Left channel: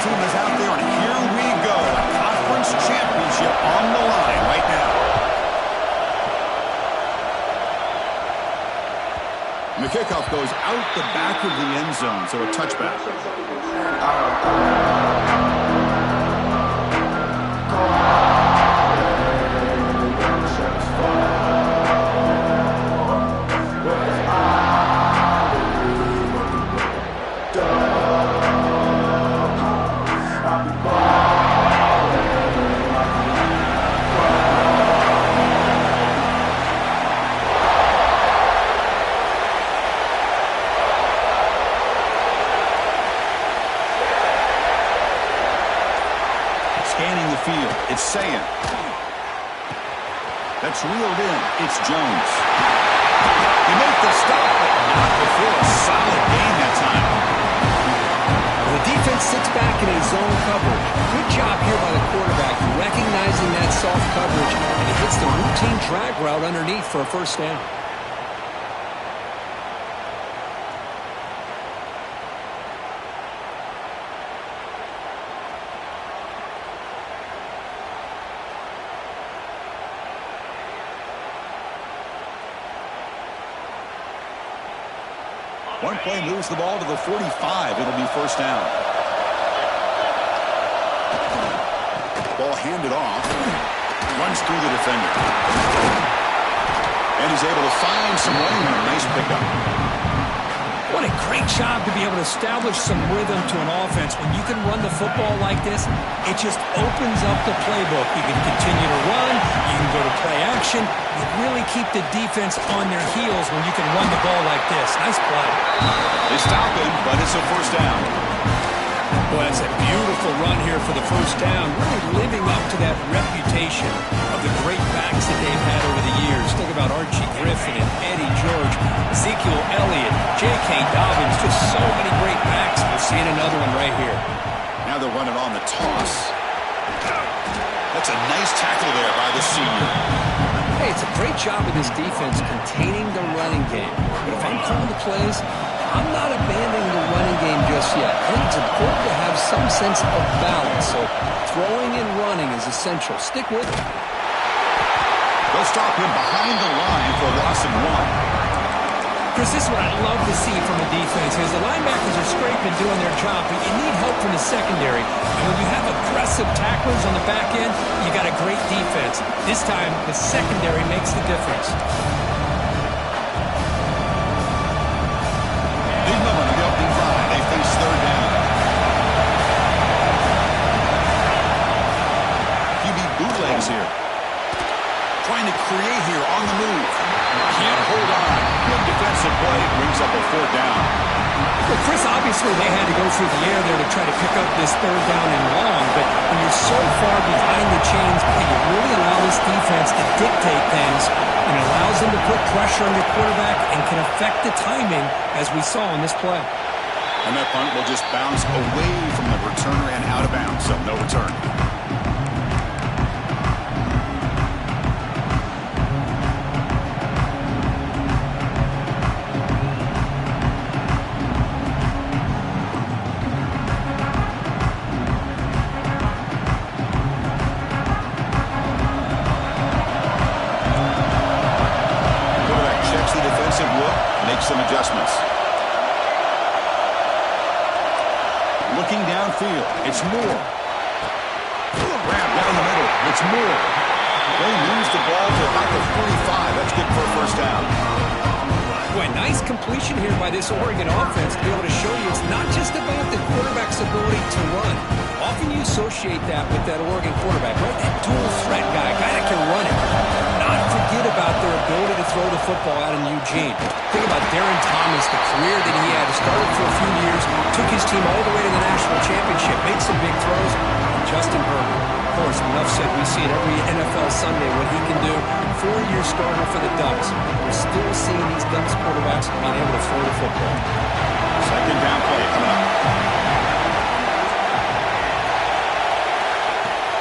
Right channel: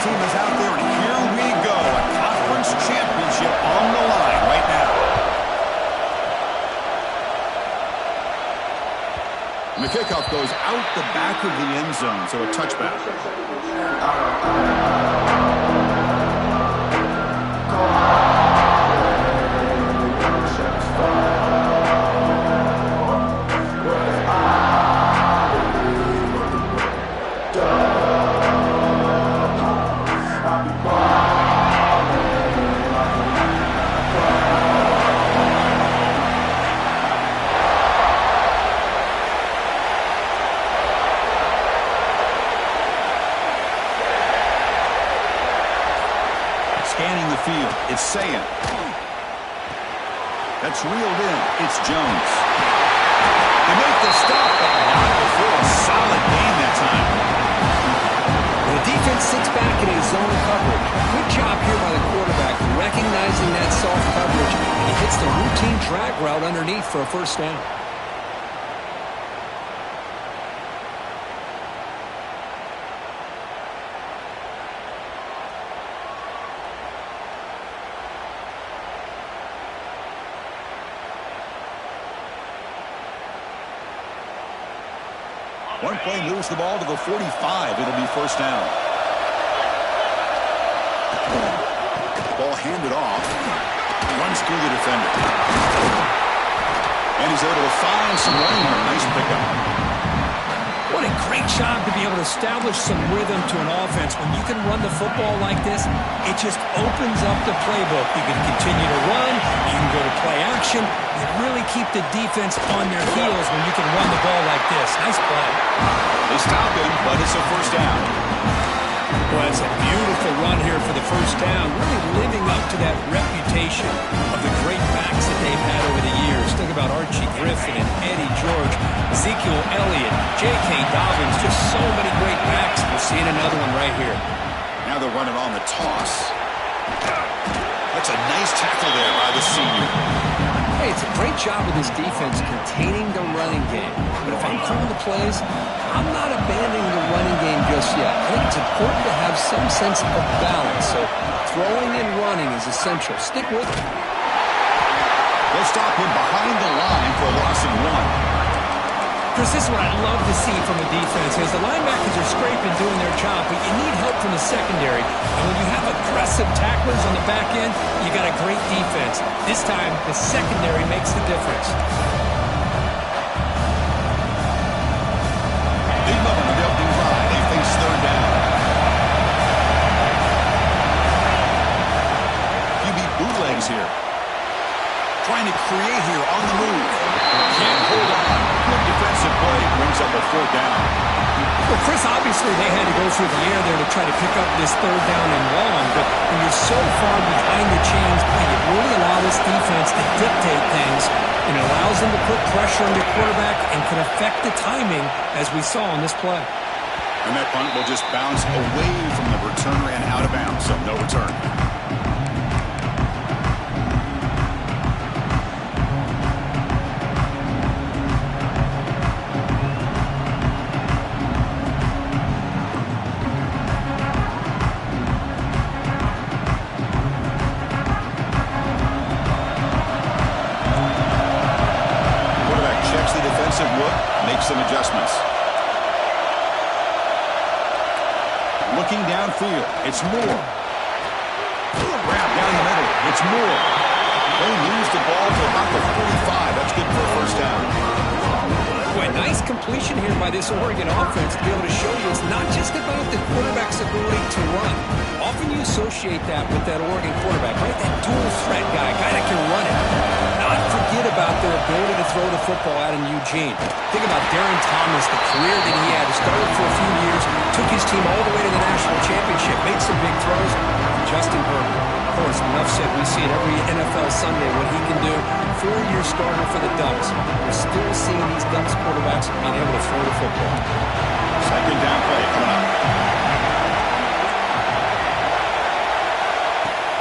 team is out there, and here we go. A conference championship on the line right now. And the kickoff goes out the back of the end zone, so a touchback. Scanning the field, it's Sayan. That's reeled in, it's Jones. They make the stop, but not before a solid gain that time. The defense sits back in a zone coverage. Good job here by the quarterback, recognizing that soft coverage, and he hits the routine drag route underneath for a first down. One play moves the ball to the 45. It'll be first down. Ball handed off. Runs through the defender. And he's able to find some running room. Nice pickup. What a great job to be able to establish some rhythm to an offense. When you can run the football like this, it just opens up the playbook. You can continue to run. You can go to play action. You really keep the defense on their heels when you can run the ball like this. Nice play. They stop him, but it's a first down. Well, that's a beautiful run here for the first down, really living up to that reputation of the great backs that they've had over the years. Think about Archie Griffin and Eddie George, Ezekiel Elliott, J.K. Dobbins, just so many great backs. We're seeing another one right here. Now they're running on the toss. That's a nice tackle there by the senior. Hey, it's a great job of this defense containing the running game. But if I'm calling the plays, I'm not abandoning the running game just yet. I think it's important to have some sense of balance. So throwing and running is essential. Stick with it. They'll stop him behind the line for a loss of 1. Chris, this is what I love to see from a defense is the linebackers are scraping, doing their job, but you need help from the secondary. And when you have aggressive tacklers on the back end, you got a great defense. This time, the secondary makes the difference. Big moment of the opening drive. They face third down. QB bootlegs here. Trying to create here on the move. Can't hold on. Good defensive play. Brings up a fourth down. Well, Chris, obviously they had to go through the air there to try to pick up this third down and long, but when you're so far behind the chains, you really allow this defense to dictate things, and it allows them to put pressure on your quarterback and can affect the timing, as we saw on this play. And that punt will just bounce away from the returner and out of bounds, so no return. Look, make some adjustments. Looking downfield, it's Moore. Grab down the middle, it's Moore. They moves the ball to about the 45. That's good for a first down. Boy, nice completion here by this Oregon offense to be able to show you it's not just about the quarterback's ability to run. Often you associate that with that Oregon quarterback, right? That dual threat guy that can run it. Not forget about their ability to throw the football out in Eugene. Think about Darren Thomas, the career that he had. Started for a few years, took his team all the way to the national championship, made some big throws. And Justin Herbert, of course, enough said, we see it every NFL Sunday what he can do. 4-year starter for the Ducks. We're still seeing these Ducks quarterbacks being able to throw the football. Second down play coming up.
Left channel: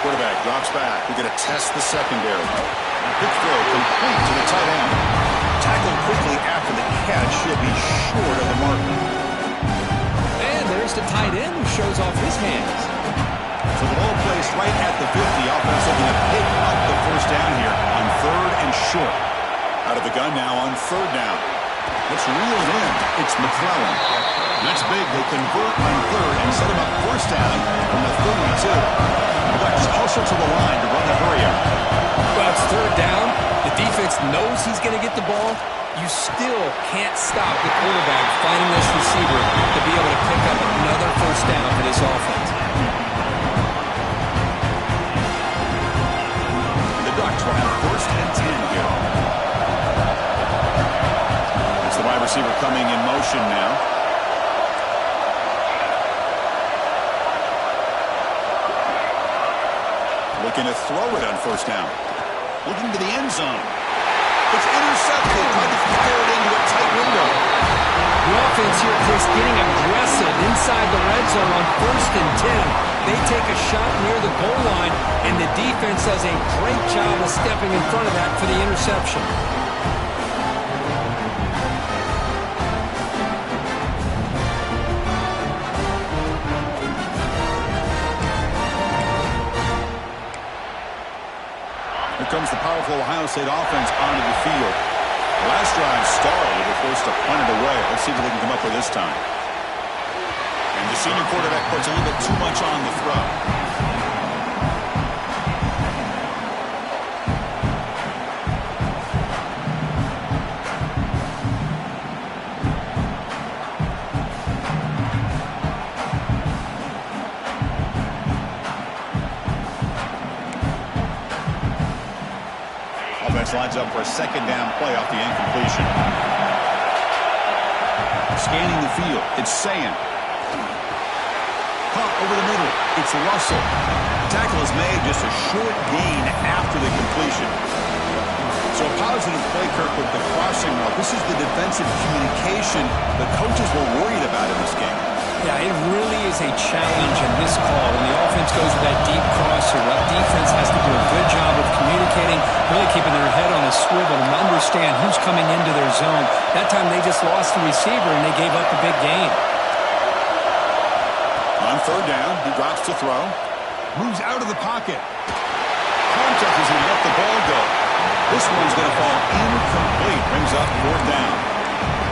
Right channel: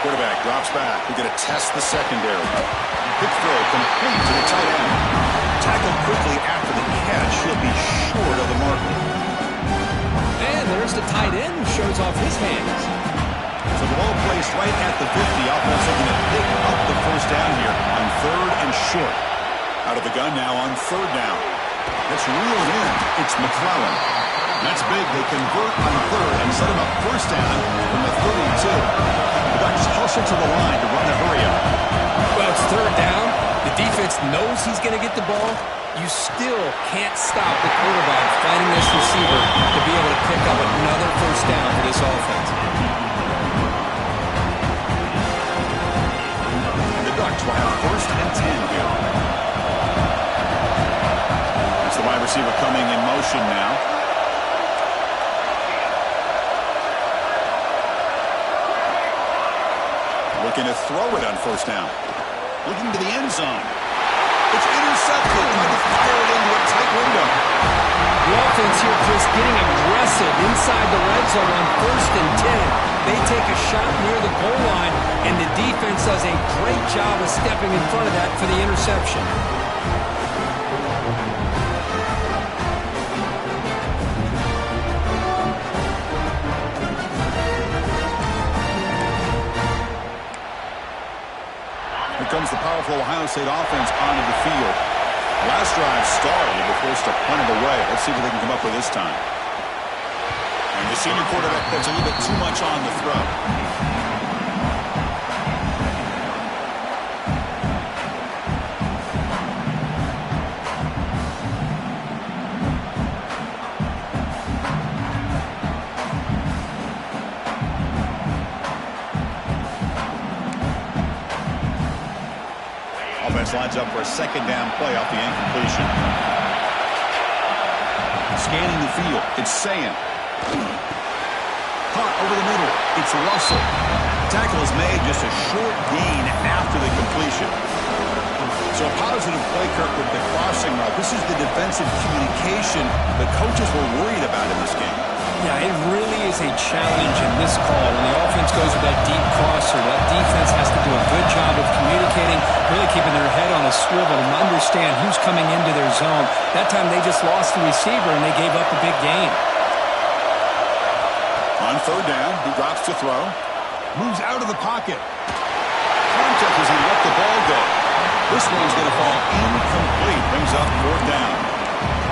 Quarterback drops back. We're going to test the secondary. Quick throw complete to the tight end. Tackled quickly after the catch. He'll be short of the marker. And there's just a tight end who shows off his hands. So the ball placed right at the 50. Offense looking to pick up the first down here on 3rd and short. Out of the gun now on 3rd down. It's reeled in. It's McClellan. That's big. They convert on 3rd and set him up first down from the 32. The Ducks hustle to the line to run the hurry up. Well, it's 3rd down. The defense knows he's going to get the ball. You still can't stop the quarterback finding this receiver to be able to pick up another first down for this offense. The Ducks will have 1st and 10 here. It's the wide receiver coming in motion now. Looking to throw it on first down. Looking to the end zone. It's intercepted. Trying to fire it into a tight window. The offense here, Chris, getting aggressive inside the red zone on 1st and 10. They take a shot near the goal line, and the defense does a great job of stepping in front of that for the interception. Comes the powerful Ohio State offense onto the field. The last drive stalled. They were forced to punt it away. Let's see what they can come up with this time. And the senior quarterback puts a little bit too much on the throw. Offense lines up for a 2nd down play off the incompletion. Scanning the field. It's Sayin. Caught over the middle. It's Russell. Tackle is made, just a short gain after the completion. So a positive play, Kirk, with the crossing route. This is the defensive communication the coaches were worried about in this game. Yeah, it really is a challenge in this call. When the offense goes with that deep crosser, that defense has to do a good job of communicating, really keeping their head on a swivel and understand who's coming into their zone. That time they just lost the receiver and they gave up a big gain. On 3rd down, he drops to throw. Moves out of the pocket. Contact as he let the ball go. This one's going to fall incomplete. Brings up 4th down.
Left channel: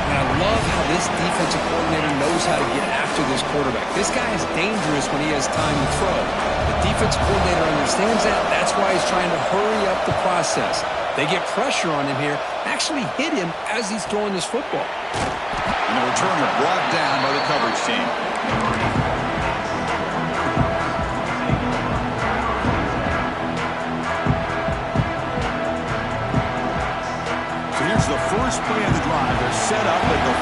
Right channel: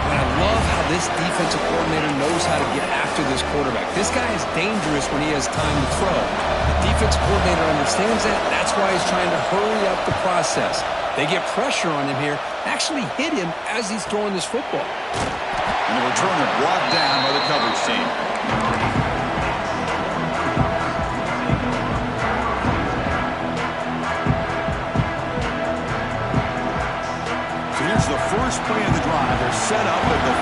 And I love how this defensive coordinator knows how to get after this quarterback. This guy is dangerous when he has time to throw. The defensive coordinator understands that. That's why he's trying to hurry up the process. They get pressure on him here, actually hit him as he's throwing this football. And the returner brought down by the coverage team. Here's the first play of the drive. They're set up at the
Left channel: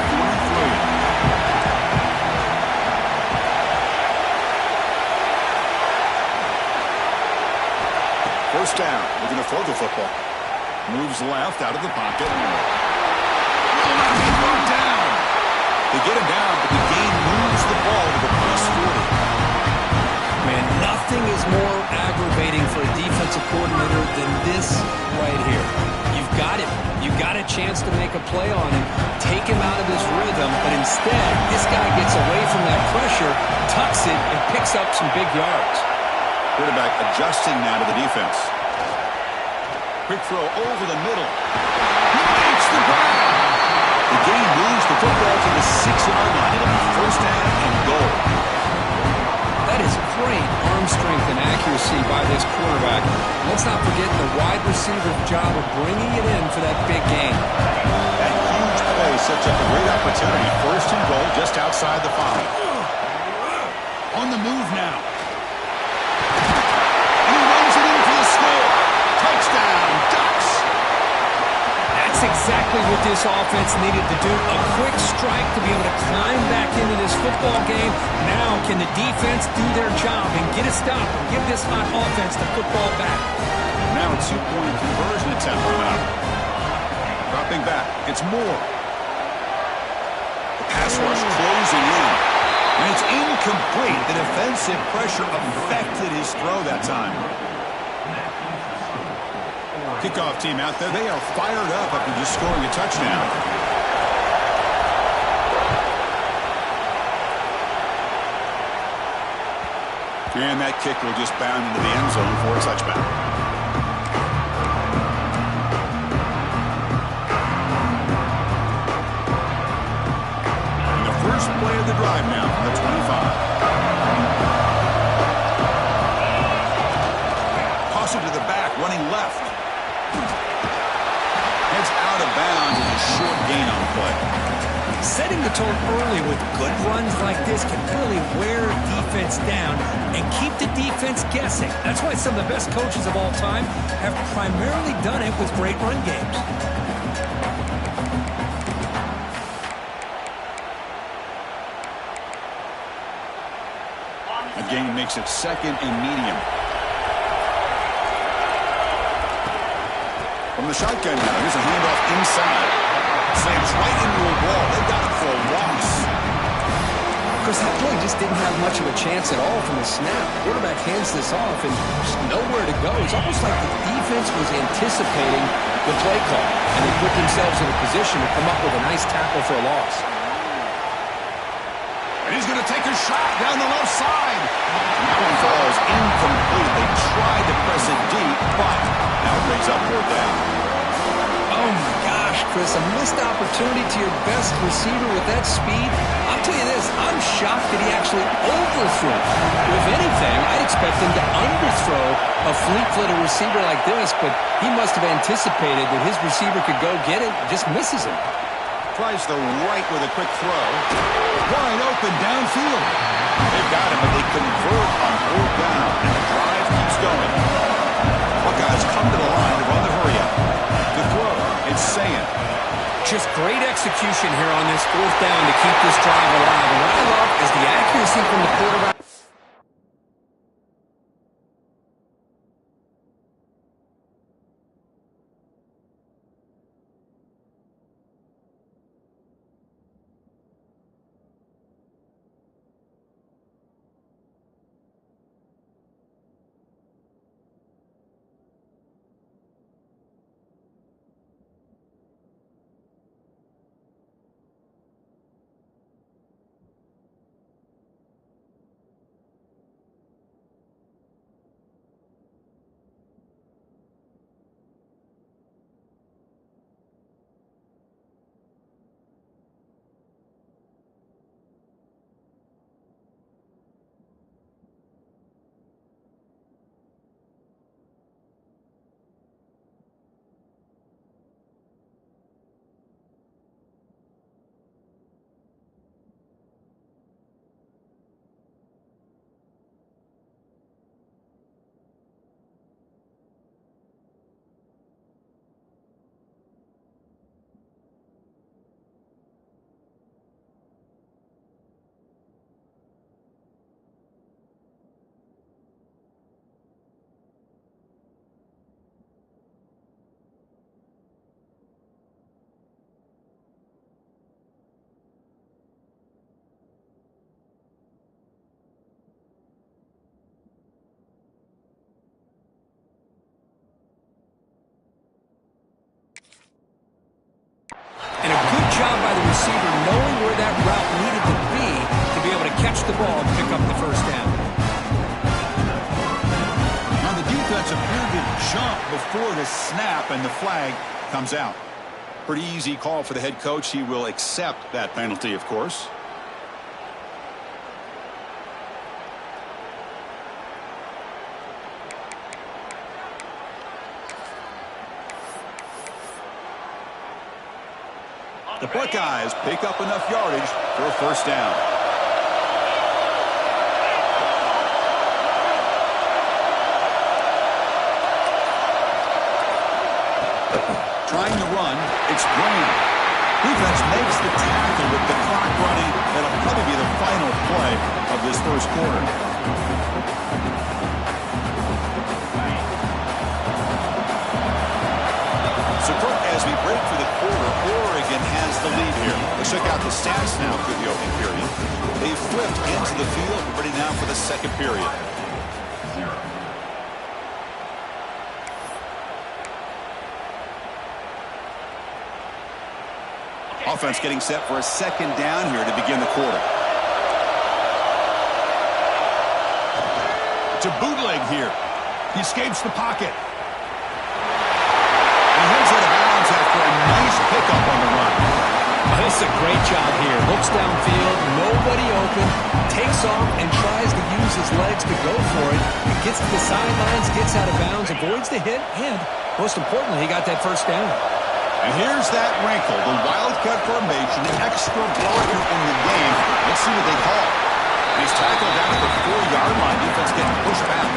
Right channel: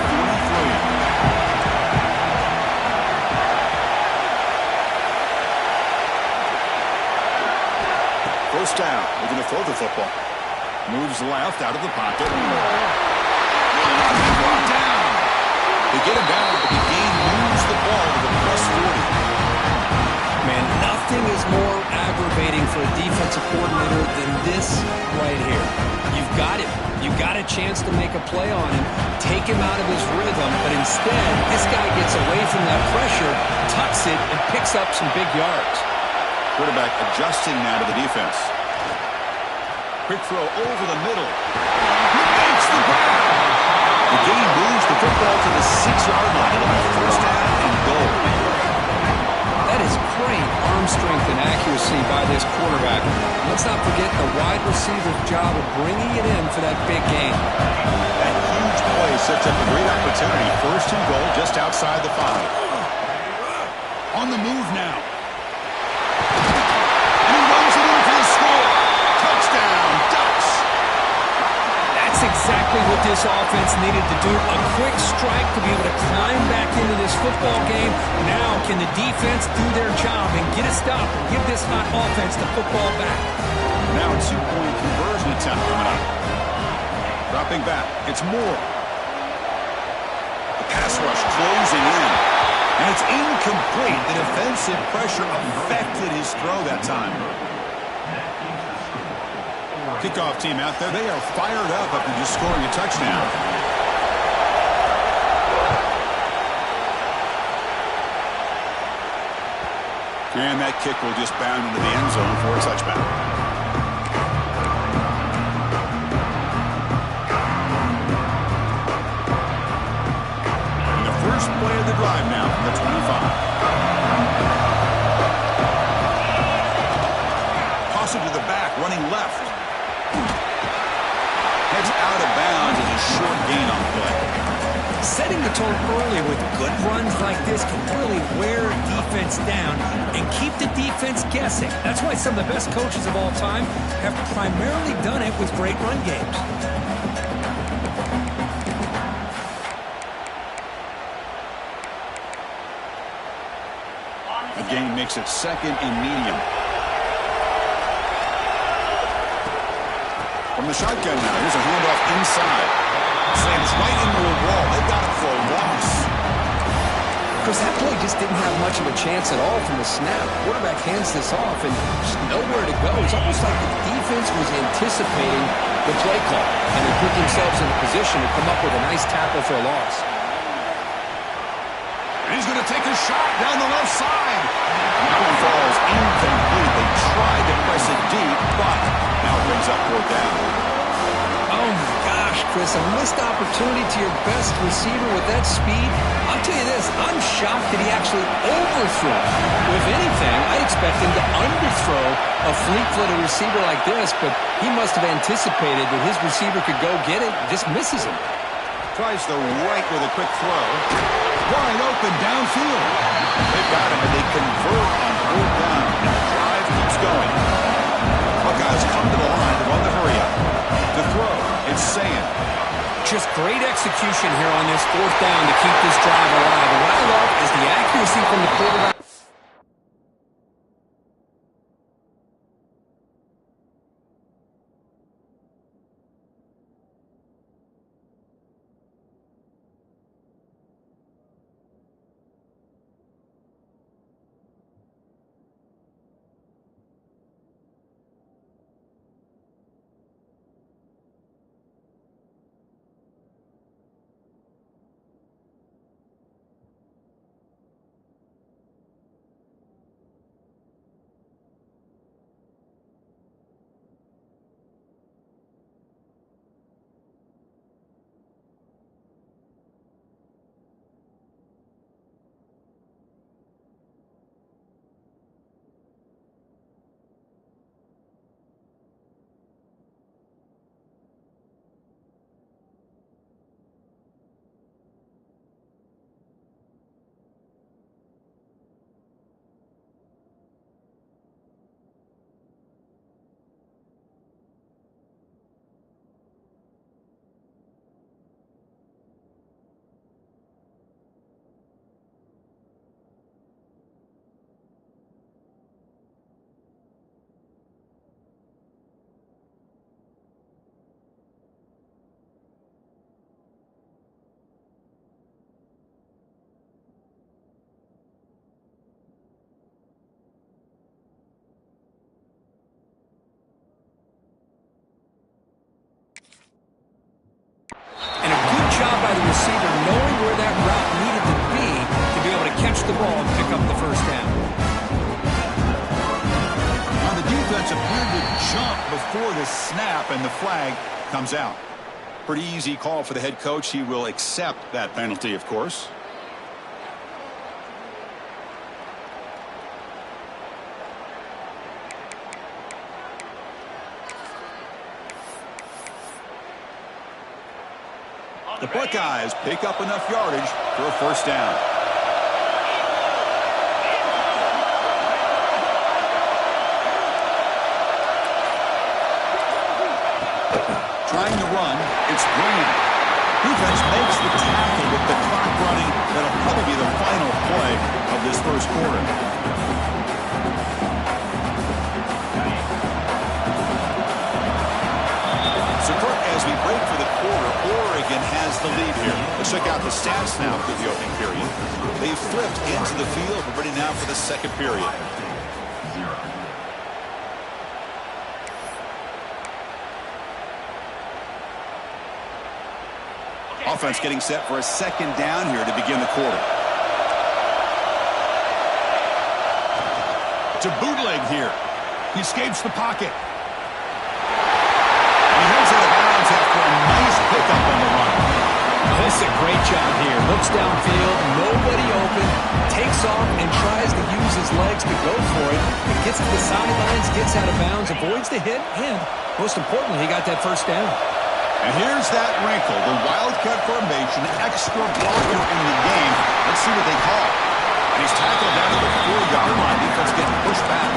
43. First down. They're going to throw the football. Moves left out of the pocket. Will not be brought down. They get him down, but the gain moves the ball to the +40. Man, nothing is more aggravating for a defensive coordinator than this right here. You've got him. You've got a chance to make a play on him, take him out of his rhythm, but instead, this guy gets away from that pressure, tucks it, and picks up some big yards. Quarterback adjusting now to the defense. Quick throw over the middle. He makes the grab. The gain moves the football to the 6-yard line. It'll be first down and goal. That is great arm strength and accuracy by this quarterback. Let's not forget the wide receiver's job of bringing it in for that big gain. That huge play sets up a great opportunity. First and goal just outside the 5. On the move now. And he runs it in for the score. Touchdown, Ducks. That's exactly what this offense needed to do. A quick strike to be able to climb back into this football game. Now can the defense do their job and get a stop and give this hot offense the football back? Now a 2-point conversion attempt coming up. Dropping back. It's Moore. The pass rush closing in. And it's incomplete. The defensive pressure affected his throw that time. Kickoff team out there. They are fired up after just scoring a touchdown. And that kick will just bound into the end zone for a touchback. And the first play of the drive now from the 25. Toss it to the back, running left. Heads out of bounds as a short gain on the play. Setting the tone early with good runs like this can really wear defense down and keep the defense guessing. That's why some of the best coaches of all time have primarily done it with great run games. A gain makes it second and medium. From the shotgun now, here's a handoff inside. Slams right into a wall. They've got it for a loss. Chris, that play just didn't have much of a chance at all from the snap. Quarterback hands this off and just nowhere to go. It's almost like the defense was anticipating the play call, and they put themselves in a position to come up with a nice tackle for a loss. And he's going to take a shot down the left side. And that one falls incomplete. They tried to press it deep, but now it brings up fourth down. Oh, my gosh, Chris, a missed opportunity to your best receiver with that speed. I'll tell you this, I'm shocked that he actually overthrew it. If anything, I'd expect him to underthrow a fleet-footed receiver like this, but he must have anticipated that his receiver could go get it and just misses him. Tries the right with a quick throw. Wide open downfield. They've got him, but they convert on fourth down, and the drive keeps going. Buckeyes come to the line to run the hurry-up. To throw, it's Sayin. Just great execution here on this fourth down to keep this drive alive. And what I love is the accuracy from the quarterback. And a good job by the receiver knowing where that route needed to be able to catch the ball and pick up the first down. Now the defense appeared to jump before the snap, and the flag comes out. Pretty easy call for the head coach. He will accept that penalty, of course. The Buckeyes pick up enough yardage for a first down. Trying to run, it's Graham. Defense makes the tackle with the clock running. That'll probably be the final play of this first quarter. So, Kirk, as we break for the quarter, Oregon has the lead here. Let's check out the stats now for the opening period. They've flipped into the field. We're ready now for the second period. Offense getting set for a second down here to begin the quarter. It's a bootleg here. He escapes the pocket. And he heads out of bounds after a nice pickup on the run. Oh, this is a great job here. Looks downfield, nobody open, takes off and tries to use his legs to go for it. It gets to the sidelines, gets out of bounds, avoids the hit, and most importantly, he got that first down. And here's that wrinkle, the Wildcat formation, extra blocker in the game. Let's see what they call. And he's tackled down at the 4-yard line. Defense getting pushed back.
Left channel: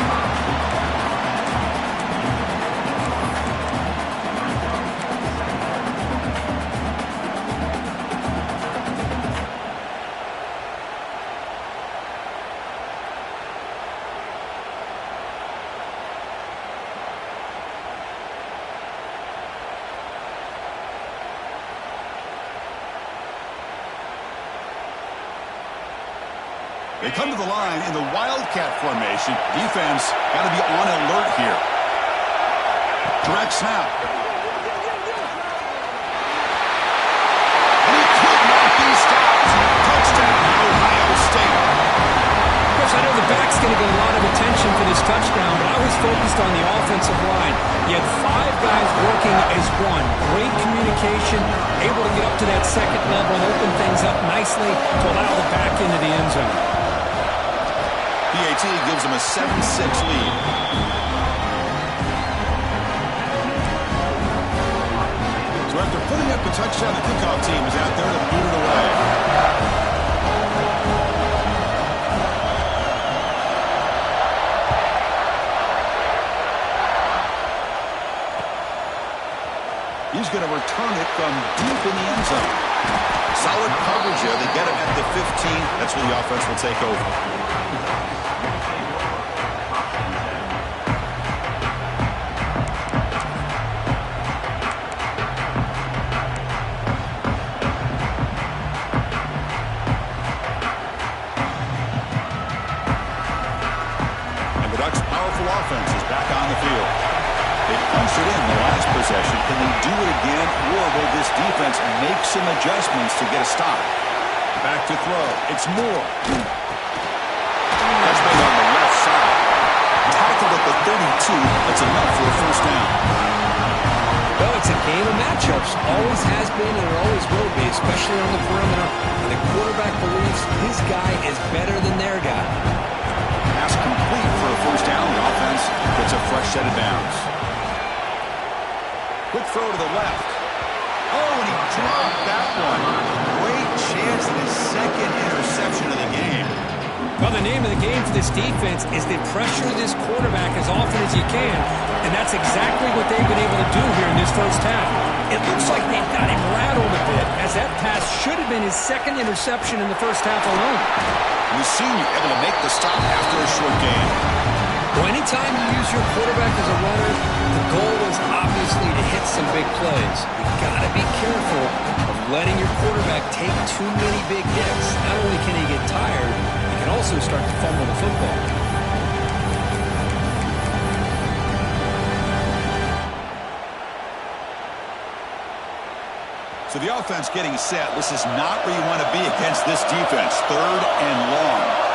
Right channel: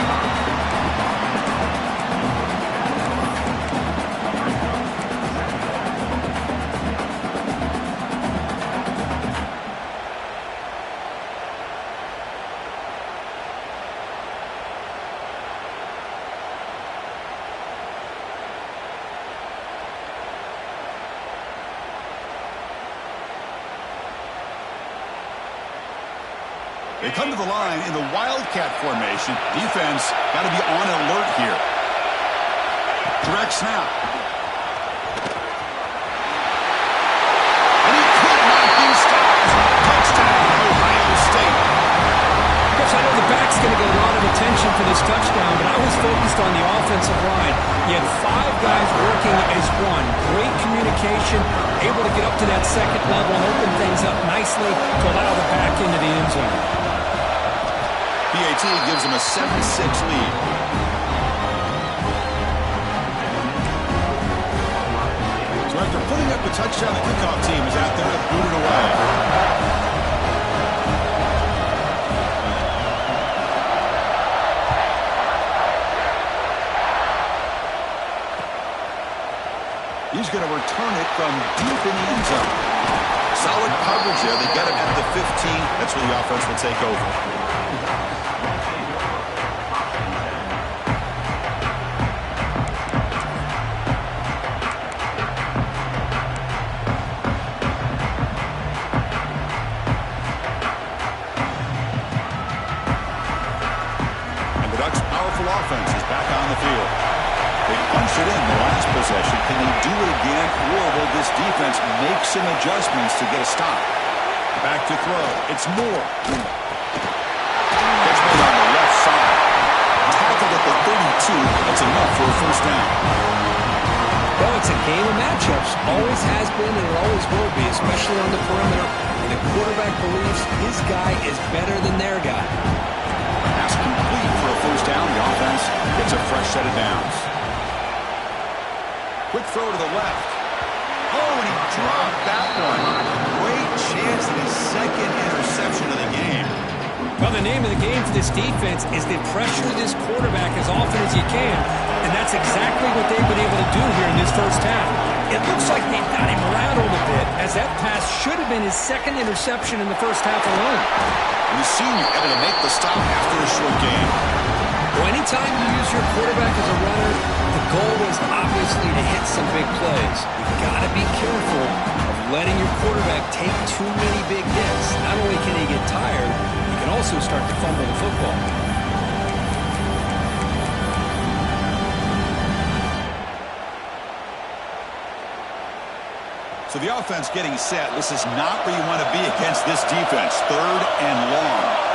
They come to the line in the Wildcat formation. Defense got to be on alert here. Direct snap. And he could not be stopped. Touchdown, Ohio State. Chris, I know the back's going to get a lot of attention for this touchdown, but I was focused on the offensive line. You had 5 guys working as one. Great communication, able to get up to that second level and open things up nicely to allow the back into the end zone. PAT gives them a 7-6 lead. So after putting up the touchdown, the kickoff team is out there to boot it away. He's going to return it from deep in the end zone. Solid coverage there. They get him at the 15. That's where the offense will take over. Offense is back on the field. They punched it in the last possession. Can they do it again, or will this defense make some adjustments to get a stop? Back to throw. It's Moore. Catch made on the left side. Tackled at the 32. That's enough for a first down. Well, it's a game of matchups. Always has been and it always will be, especially on the perimeter. And the quarterback believes his guy is better than their guy. Pass complete for a first down. The offense gets a fresh set of downs. Quick throw to the left. Oh, and he dropped that one. Great chance at his second interception of the game. Well, the name of the game for this defense is to pressure this quarterback as often as you can, and that's exactly what they've been able to do here in this first half. It looks like they've got him rattled a bit, as that pass should have been his second interception in the first half alone. And the senior able to make the stop after a short game. Well, anytime you use your quarterback as a runner, the goal is obviously to hit some big plays. You've got to be careful of letting your quarterback take too many big hits. Not only can he get tired, he can also start to fumble the football. So the offense getting set. This is not where you want to be against this defense. 3rd and long.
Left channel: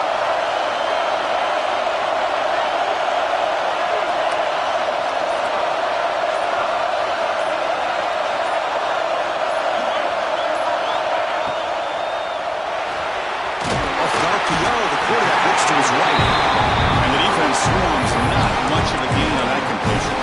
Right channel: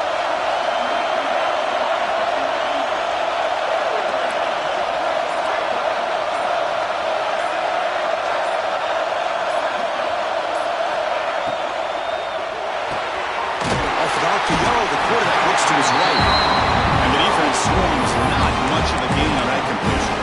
The quarterback looks to his right. And the defense swarms. Not much of a gain on that completion.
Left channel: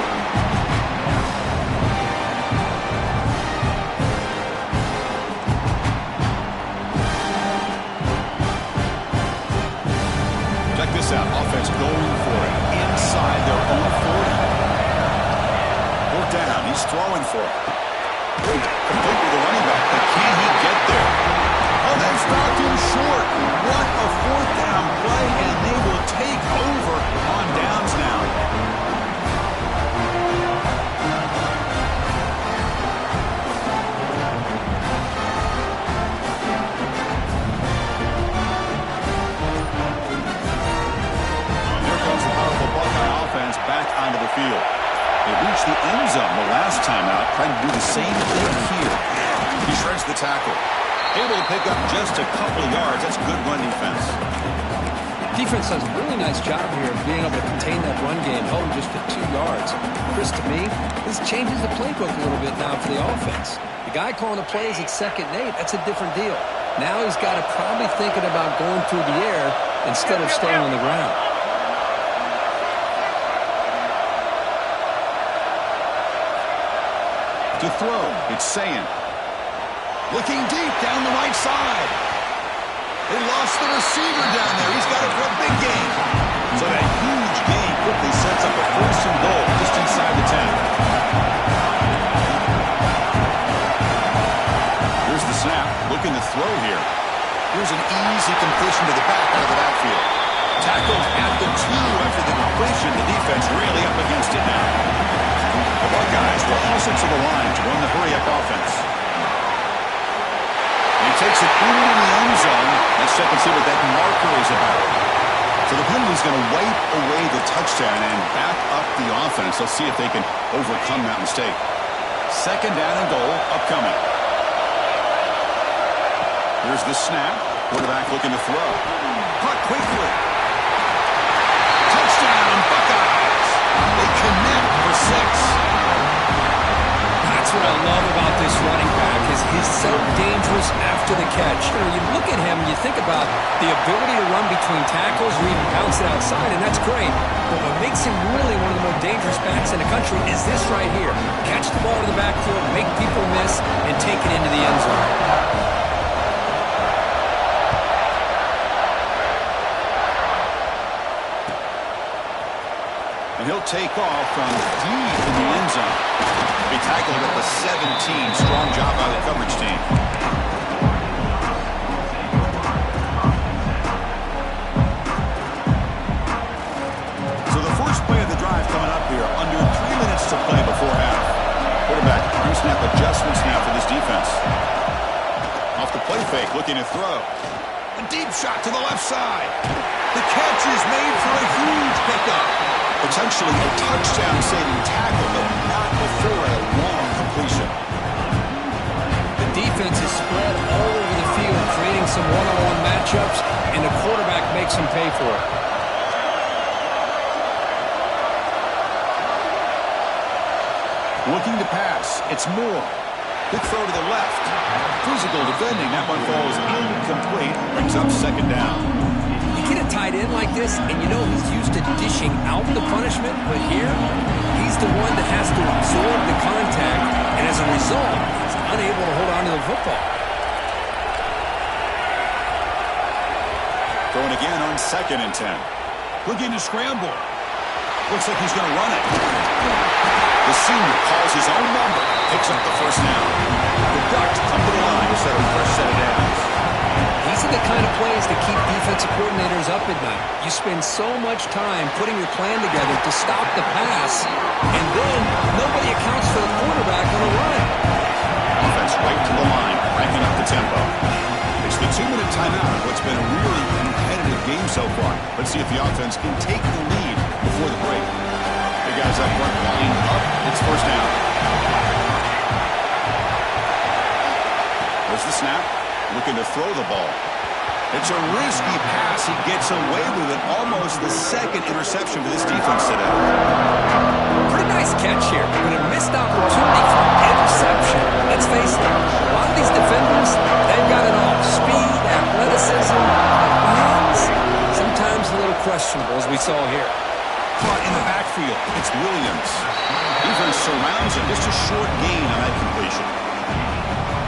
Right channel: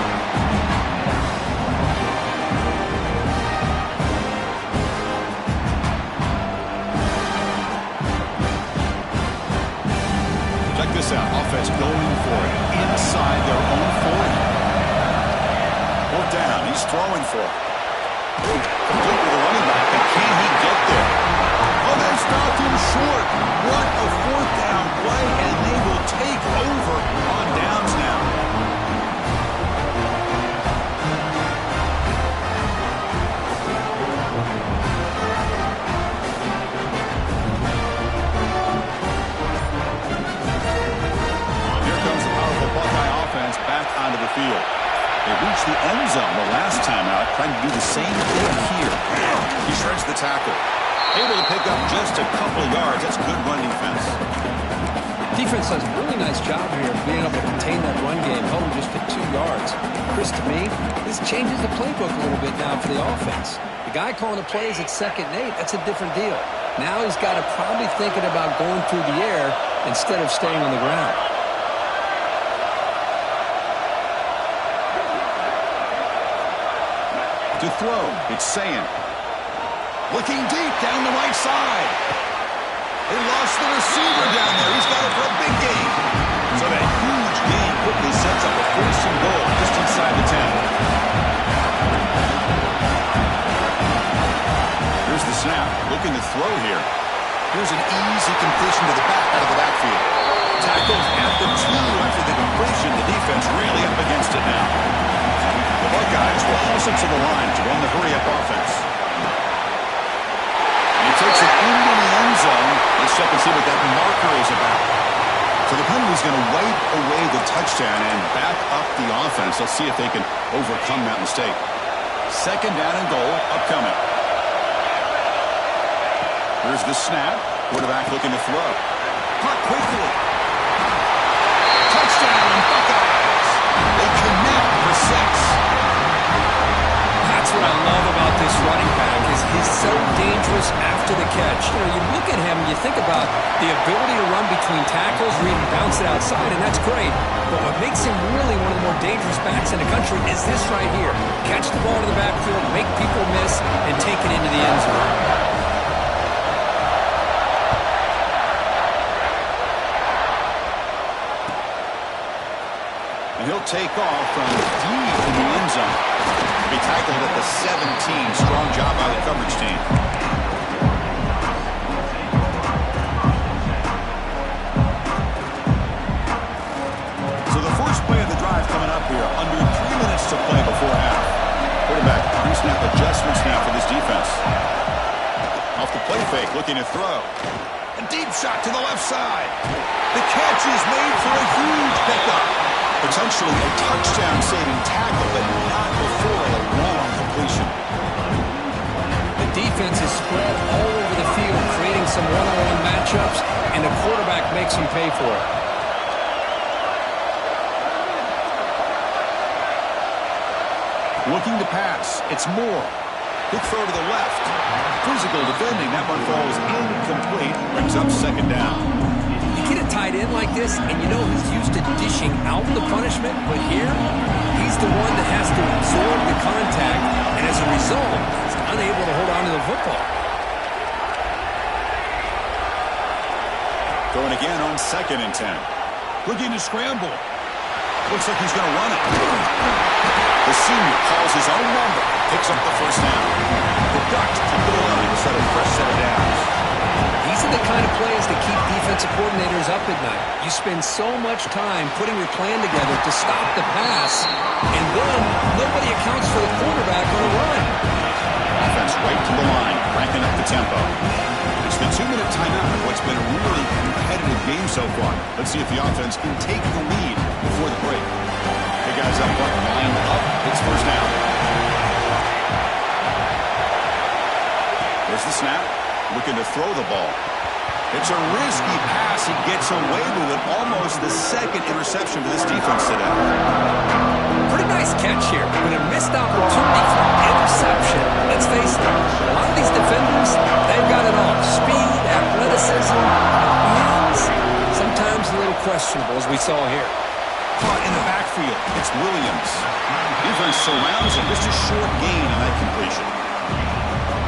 Check this out. Offense going for it inside their own 40. 4th down. He's throwing for it. Complete with the running back. But can he get there? Oh, they stopped him short. What a 4th down play, and they will take over on downs now. Here comes the powerful Buckeye offense back onto the field. They reached the end zone the last time out, trying to do the same thing here. He shreds the tackle. Able to pick up just a couple of yards. That's good run defense. Defense does a really nice job here of being able to contain that run game, held him just at 2 yards. Chris, to me, this changes the playbook a little bit now for the offense. The guy calling the plays at 2nd and 8, that's a different deal. Now he's got to probably thinking about going through the air instead of staying on the ground. To throw, it's Sayin. Looking deep down the right side. They lost the receiver down there. He's got it for a big gain. So that huge gain quickly sets up a 1st and goal just inside the 10. Here's the snap. Looking to throw here. Here's an easy completion to the back out of the backfield. Tackled at the 2 after the completion. The defense really up against it now. The Buckeyes will also to the line to run the hurry-up offense. And he takes it into the end zone. Let's check and see what that marker is about. So the penalty's going to wipe away the touchdown and back up the offense. Let's see if they can overcome that mistake. 2nd down and goal upcoming. Here's the snap. Quarterback looking to throw. Caught quickly. Touchdown, Buckeyes. They connect for 6. That's what I love about this running back is he's so dangerous after the catch. You know, you look at him, you think about the ability to run between tackles or even bounce it outside, and that's great. But what makes him really one of the more dangerous backs in the country is this right here. Catch the ball to the backfield, make people miss, and take it into the end zone. And he'll take off from deep in the end zone. Be tackled at the 17. Strong job by the coverage team. So the first play of the drive coming up here. Under 3 minutes to play before half. Quarterback pre-snap adjustments now for this defense. Off the play fake, looking to throw. A deep shot to the left side. The catch is made for a huge pickup. Potentially a touchdown-saving tackle, but not before a long completion. The defense is spread all over the field, creating some one-on-one matchups, and the quarterback makes them pay for it. Looking to pass. It's Moore. Quick throw to the left. Physical defending. That one falls incomplete. Brings up 2nd down. You get a tight end like this, and you know he's used to dishing out the punishment, but here, he's the one that has to absorb the contact, and as a result, he's unable to hold on to the football. Throwing again on 2nd and 10. Looking to scramble. Looks like he's going to run it. The senior calls his own number. Picks up the 1st down. The Ducks come to the line to set a fresh set of downs. These are the kind of plays that keep defensive coordinators up at night. You spend so much time putting your plan together to stop the pass, and then nobody accounts for the quarterback on a run. Offense right to the line, cranking up the tempo. It's the 2-minute timeout of what's been a really competitive game so far. Let's see if the offense can take the lead before the break. Hey guys up front, lined up. It's 1st down. There's the snap. Looking to throw the ball. It's a risky pass. He gets away with it. Almost the 2nd interception for this defense today. Pretty nice catch here, but a missed opportunity for an interception. Let's face it, a lot of these defenders, they've got it all. Speed, athleticism, hands. Sometimes a little questionable, as we saw here. Caught in the backfield. It's Williams. Defense surrounds him. Just a short gain on that completion.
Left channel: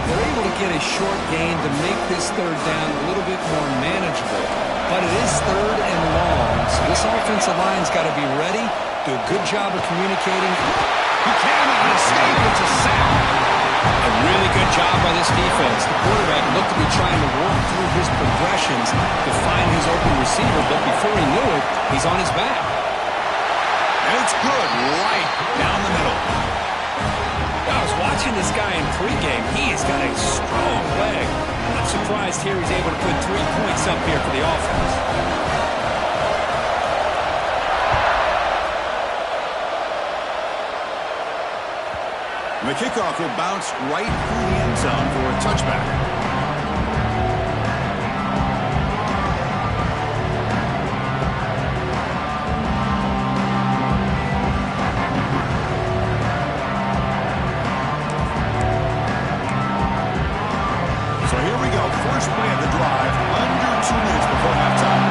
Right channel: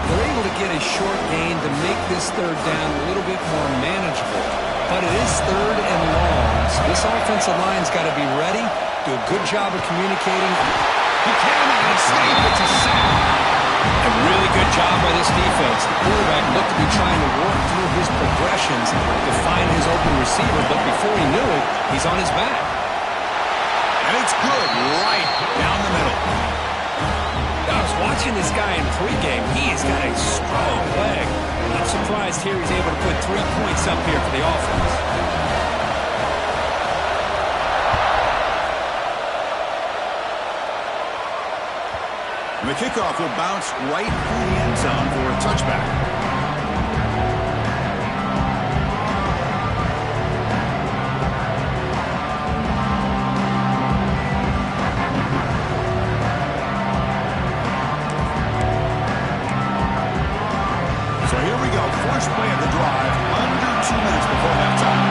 They're able to get a short gain to make this 3rd down a little bit more manageable. But it is 3rd and long, so this offensive line's got to be ready, do a good job of communicating. He cannot escape. It's a sack. A really good job by this defense. The quarterback looked to be trying to work through his progressions to find his open receiver, but before he knew it, he's on his back. And it's good right down the middle. I was watching this guy in pregame. He has got a strong leg. I'm surprised here he's able to put 3 points up here for the offense. And the kickoff will bounce right through the end zone for a touchback. here we go. First play of the drive, under 2 minutes before halftime.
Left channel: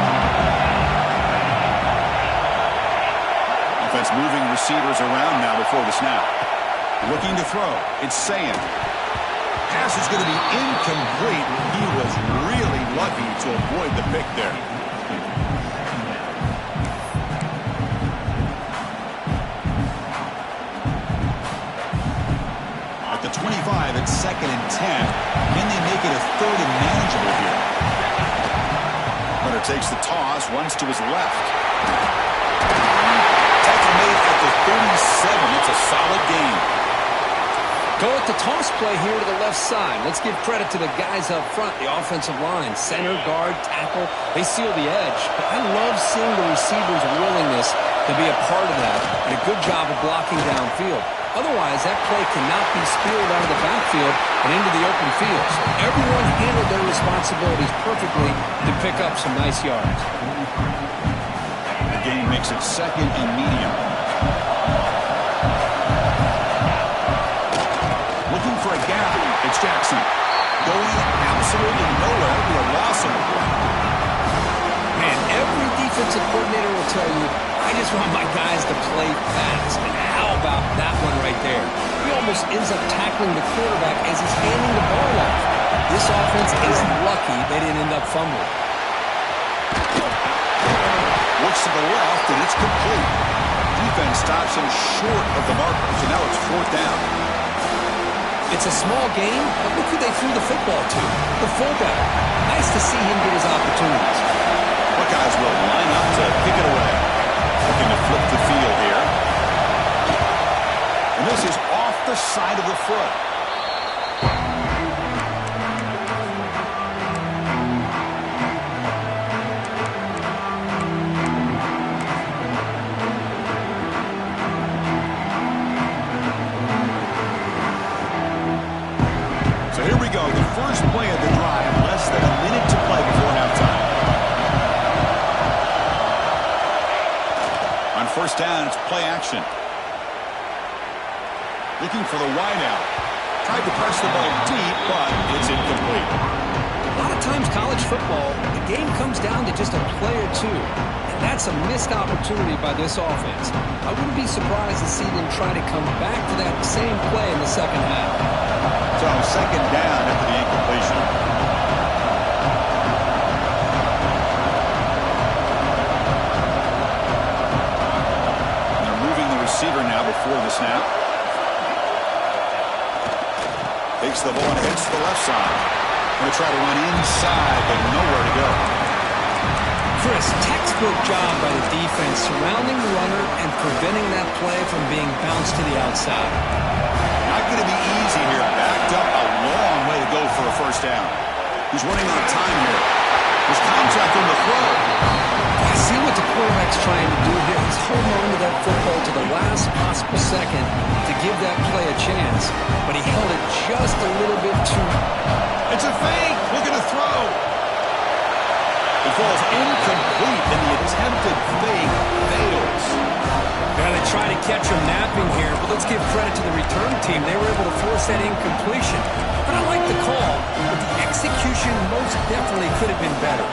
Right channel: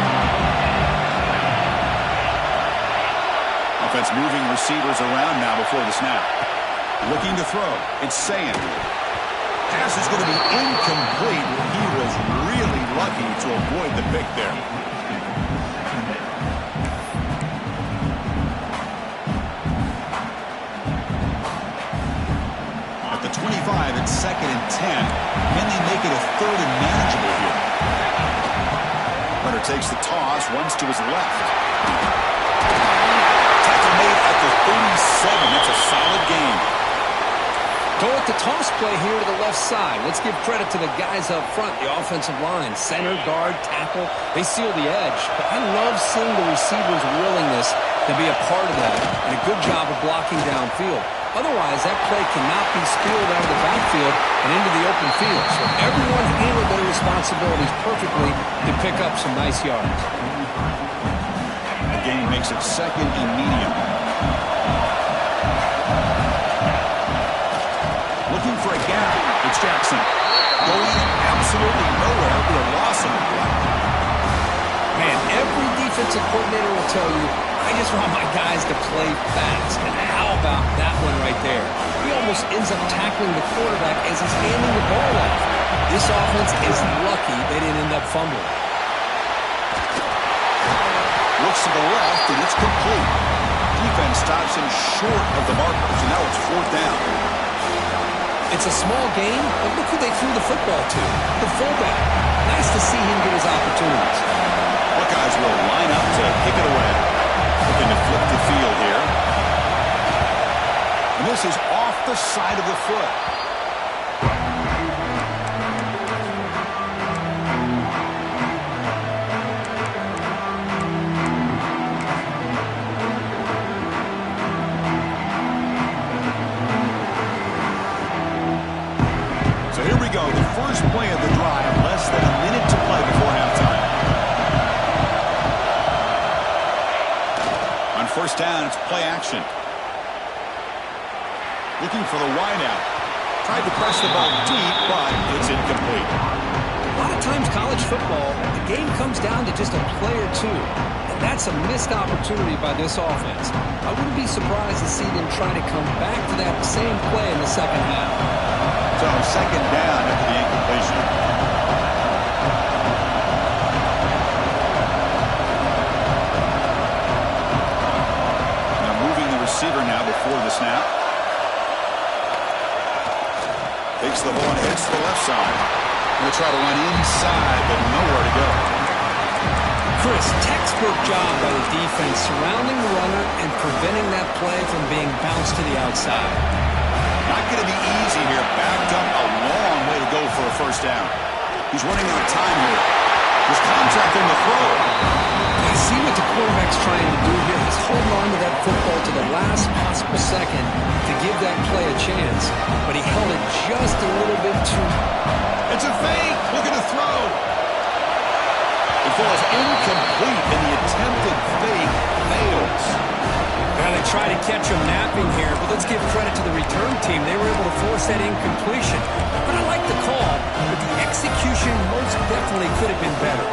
Offense moving receivers around now before the snap. Looking to throw. It's Sayin. Pass is going to be incomplete. He was really lucky to avoid the pick there. At the 25, it's 2nd and 10. Can they make it a 3rd and manageable here? Hunter takes the toss, runs to his left. Tackle made at the 37. That's a solid gain. Go with the toss play here to the left side. Let's give credit to the guys up front, the offensive line. Center, guard, tackle, they seal the edge. But I love seeing the receivers' willingness to be a part of that and a good job of blocking downfield. Otherwise, that play cannot be spilled out of the backfield and into the open field. So everyone handled their responsibilities perfectly to pick up some nice yards. The game makes it 2nd and medium. Looking for a gap. It's Jackson. Going absolutely nowhere with a loss on the play. Man, every defensive coordinator will tell you, I just want my guys to play fast. And how about that one right there? He almost ends up tackling the quarterback as he's handing the ball off. This offense is lucky they didn't end up fumbling. Looks to the left, and it's complete. Defense stops him short of the marker, so now it's 4th down. It's a small game, but look who they threw the football to, the fullback. Nice to see him get his opportunities. Buckeyes will line up to kick it away. Looking to flip the field here. And this is off the side of the foot. So here we go. The first play of the drive. Less than a minute to play before halftime. On 1st down, it's play action. Looking for the wideout. Tried to press the ball deep, but it's incomplete. A lot of times college football, the game comes down to just a play or two. And that's a missed opportunity by this offense. I wouldn't be surprised to see them try to come back to that same play in the second half. So 2nd down after the incompletion. Receiver now before the snap. Takes the ball and heads to the left side. Going to try to run inside, but nowhere to go. Chris, textbook job by the defense surrounding the runner and preventing that play from being bounced to the outside. Not going to be easy here. Backed up a long way to go for a 1st down. He's running out of time here. There's contact on the throw. I see what the quarterback's trying to do here. He's holding on to that football to the last possible second to give that play a chance, but he held it just a little bit too. It's a fake. Looking to throw. It falls incomplete, and the attempted fake fails. Yeah, they try to catch him napping here, but let's give credit to the return team. They were able to force that incompletion. But I like the call, but the execution most definitely could have been better.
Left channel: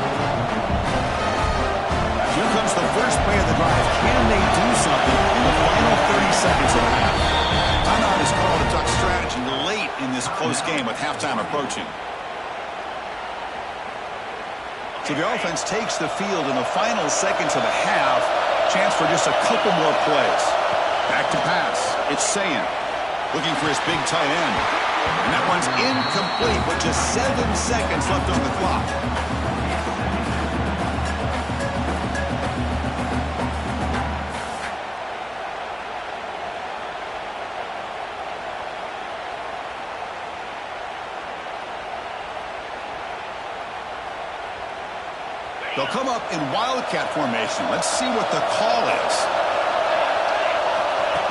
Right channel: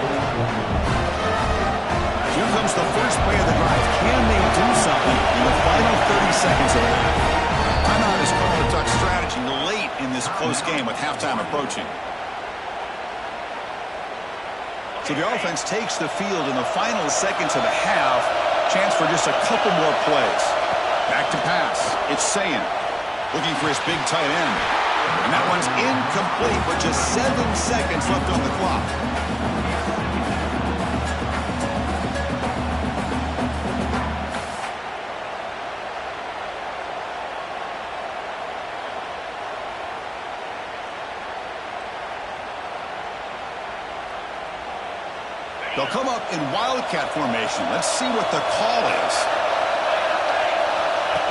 Here comes the first play of the drive. Can they do something in the final 30 seconds of the half? Timeout is called to talk strategy late in this close game with halftime approaching. So the offense takes the field in the final seconds of the half. Chance for just a couple more plays. Back to pass. It's Sayin. Looking for his big tight end. And that one's incomplete with just 7 seconds left on the clock. They'll come up in Wildcat formation. Let's see what the call is.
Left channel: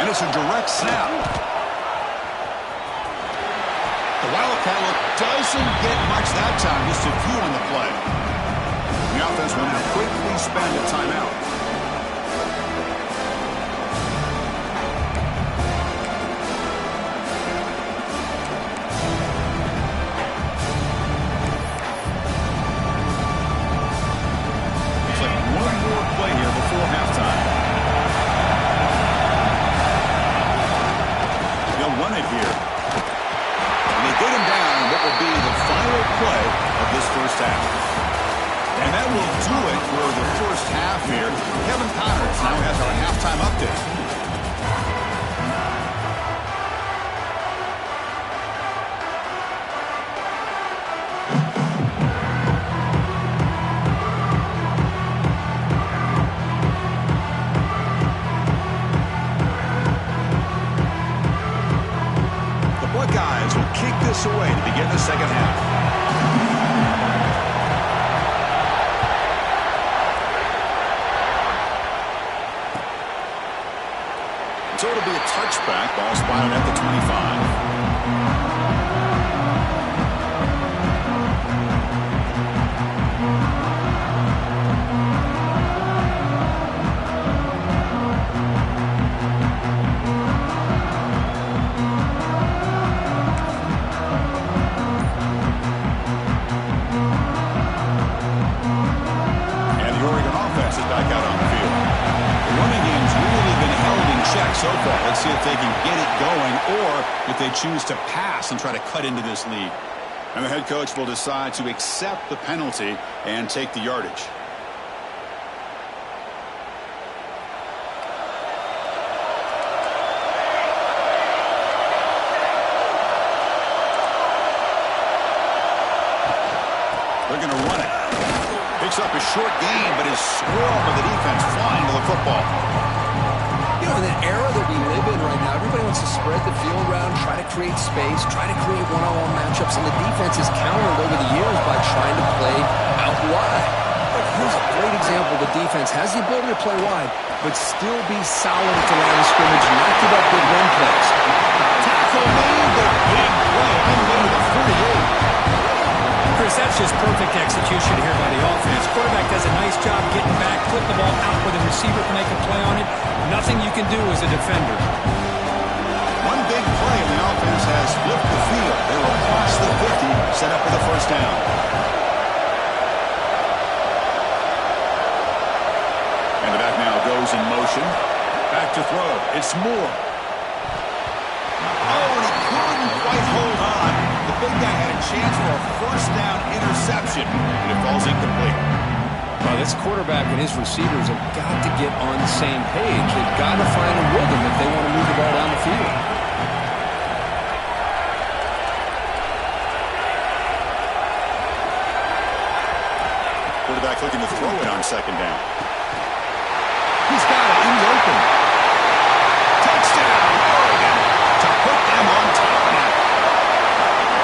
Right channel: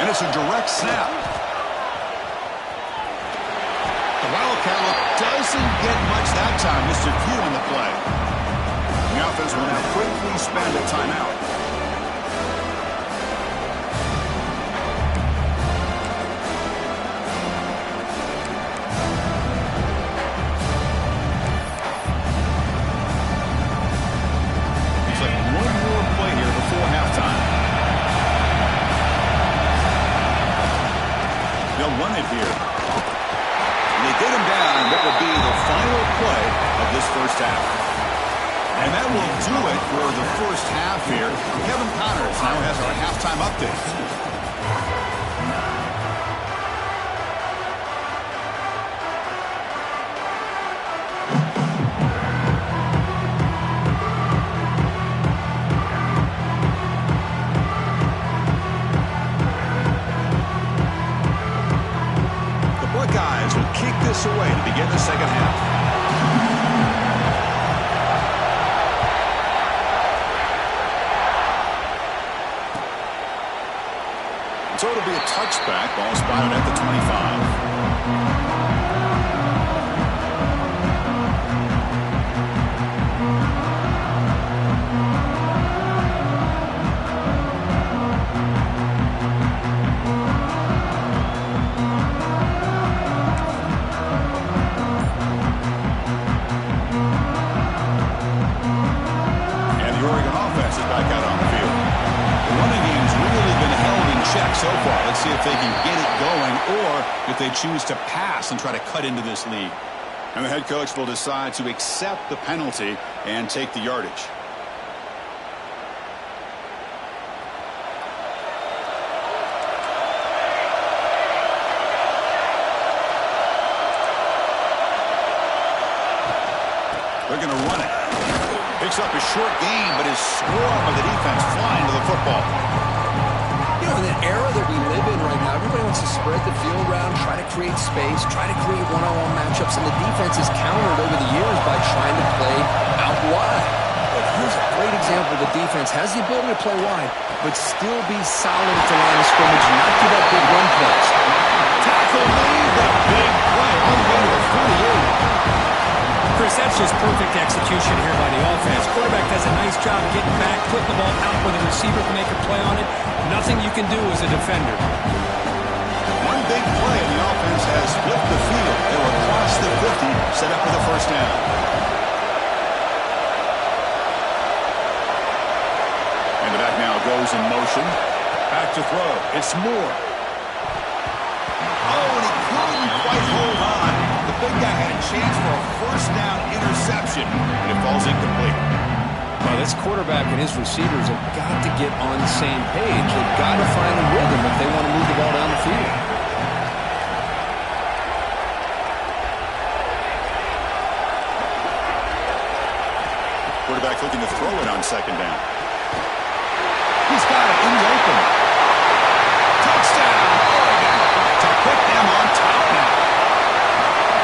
And it's a direct snap. The Wildcat look doesn't get much that time, just a few on the play. The offense will now quickly spend a timeout. before halftime. They'll run it here. And they get him down what will be the final play of this first half. And that will do it for the first half here. Kevin Connors now has our halftime update. This away to begin the second half. So it'll be a touchback. Ball spotted at the 25. So far, let's see if they can get it going or if they choose to pass and try to cut into this lead. And the head coach will decide to accept the penalty and take the yardage. They're going to run it. Picks up a short gain, but his swarm of the defense flying to the football. In the era that we live in right now, everybody wants to spread the field around, try to create space, try to create one-on-one matchups, and the defense is countered over the years by trying to play out wide. But here's a great example. The defense has the ability to play wide, but still be solid at the line of scrimmage and not give up big run plays. Tackle made, but a big play on the way to the 48. Chris, that's just perfect execution here by the offense. Quarterback does a nice job getting back, putting the ball out where the receiver can make a play on it. Nothing you can do as a defender. One big play, and the offense has flipped the field. They're across the 50, set up for the first down. And the back now goes in motion. Back to throw. It's Moore. Oh, and he couldn't quite hold on. The big guy had a chance for a first down interception, and it falls incomplete. Well, this quarterback and his receivers have got to get on the same page. They've got to find a rhythm if they want to move the ball down the field. Quarterback looking to throw it on second down. He's got it in the open. Touchdown, Oregon, to put them on top now.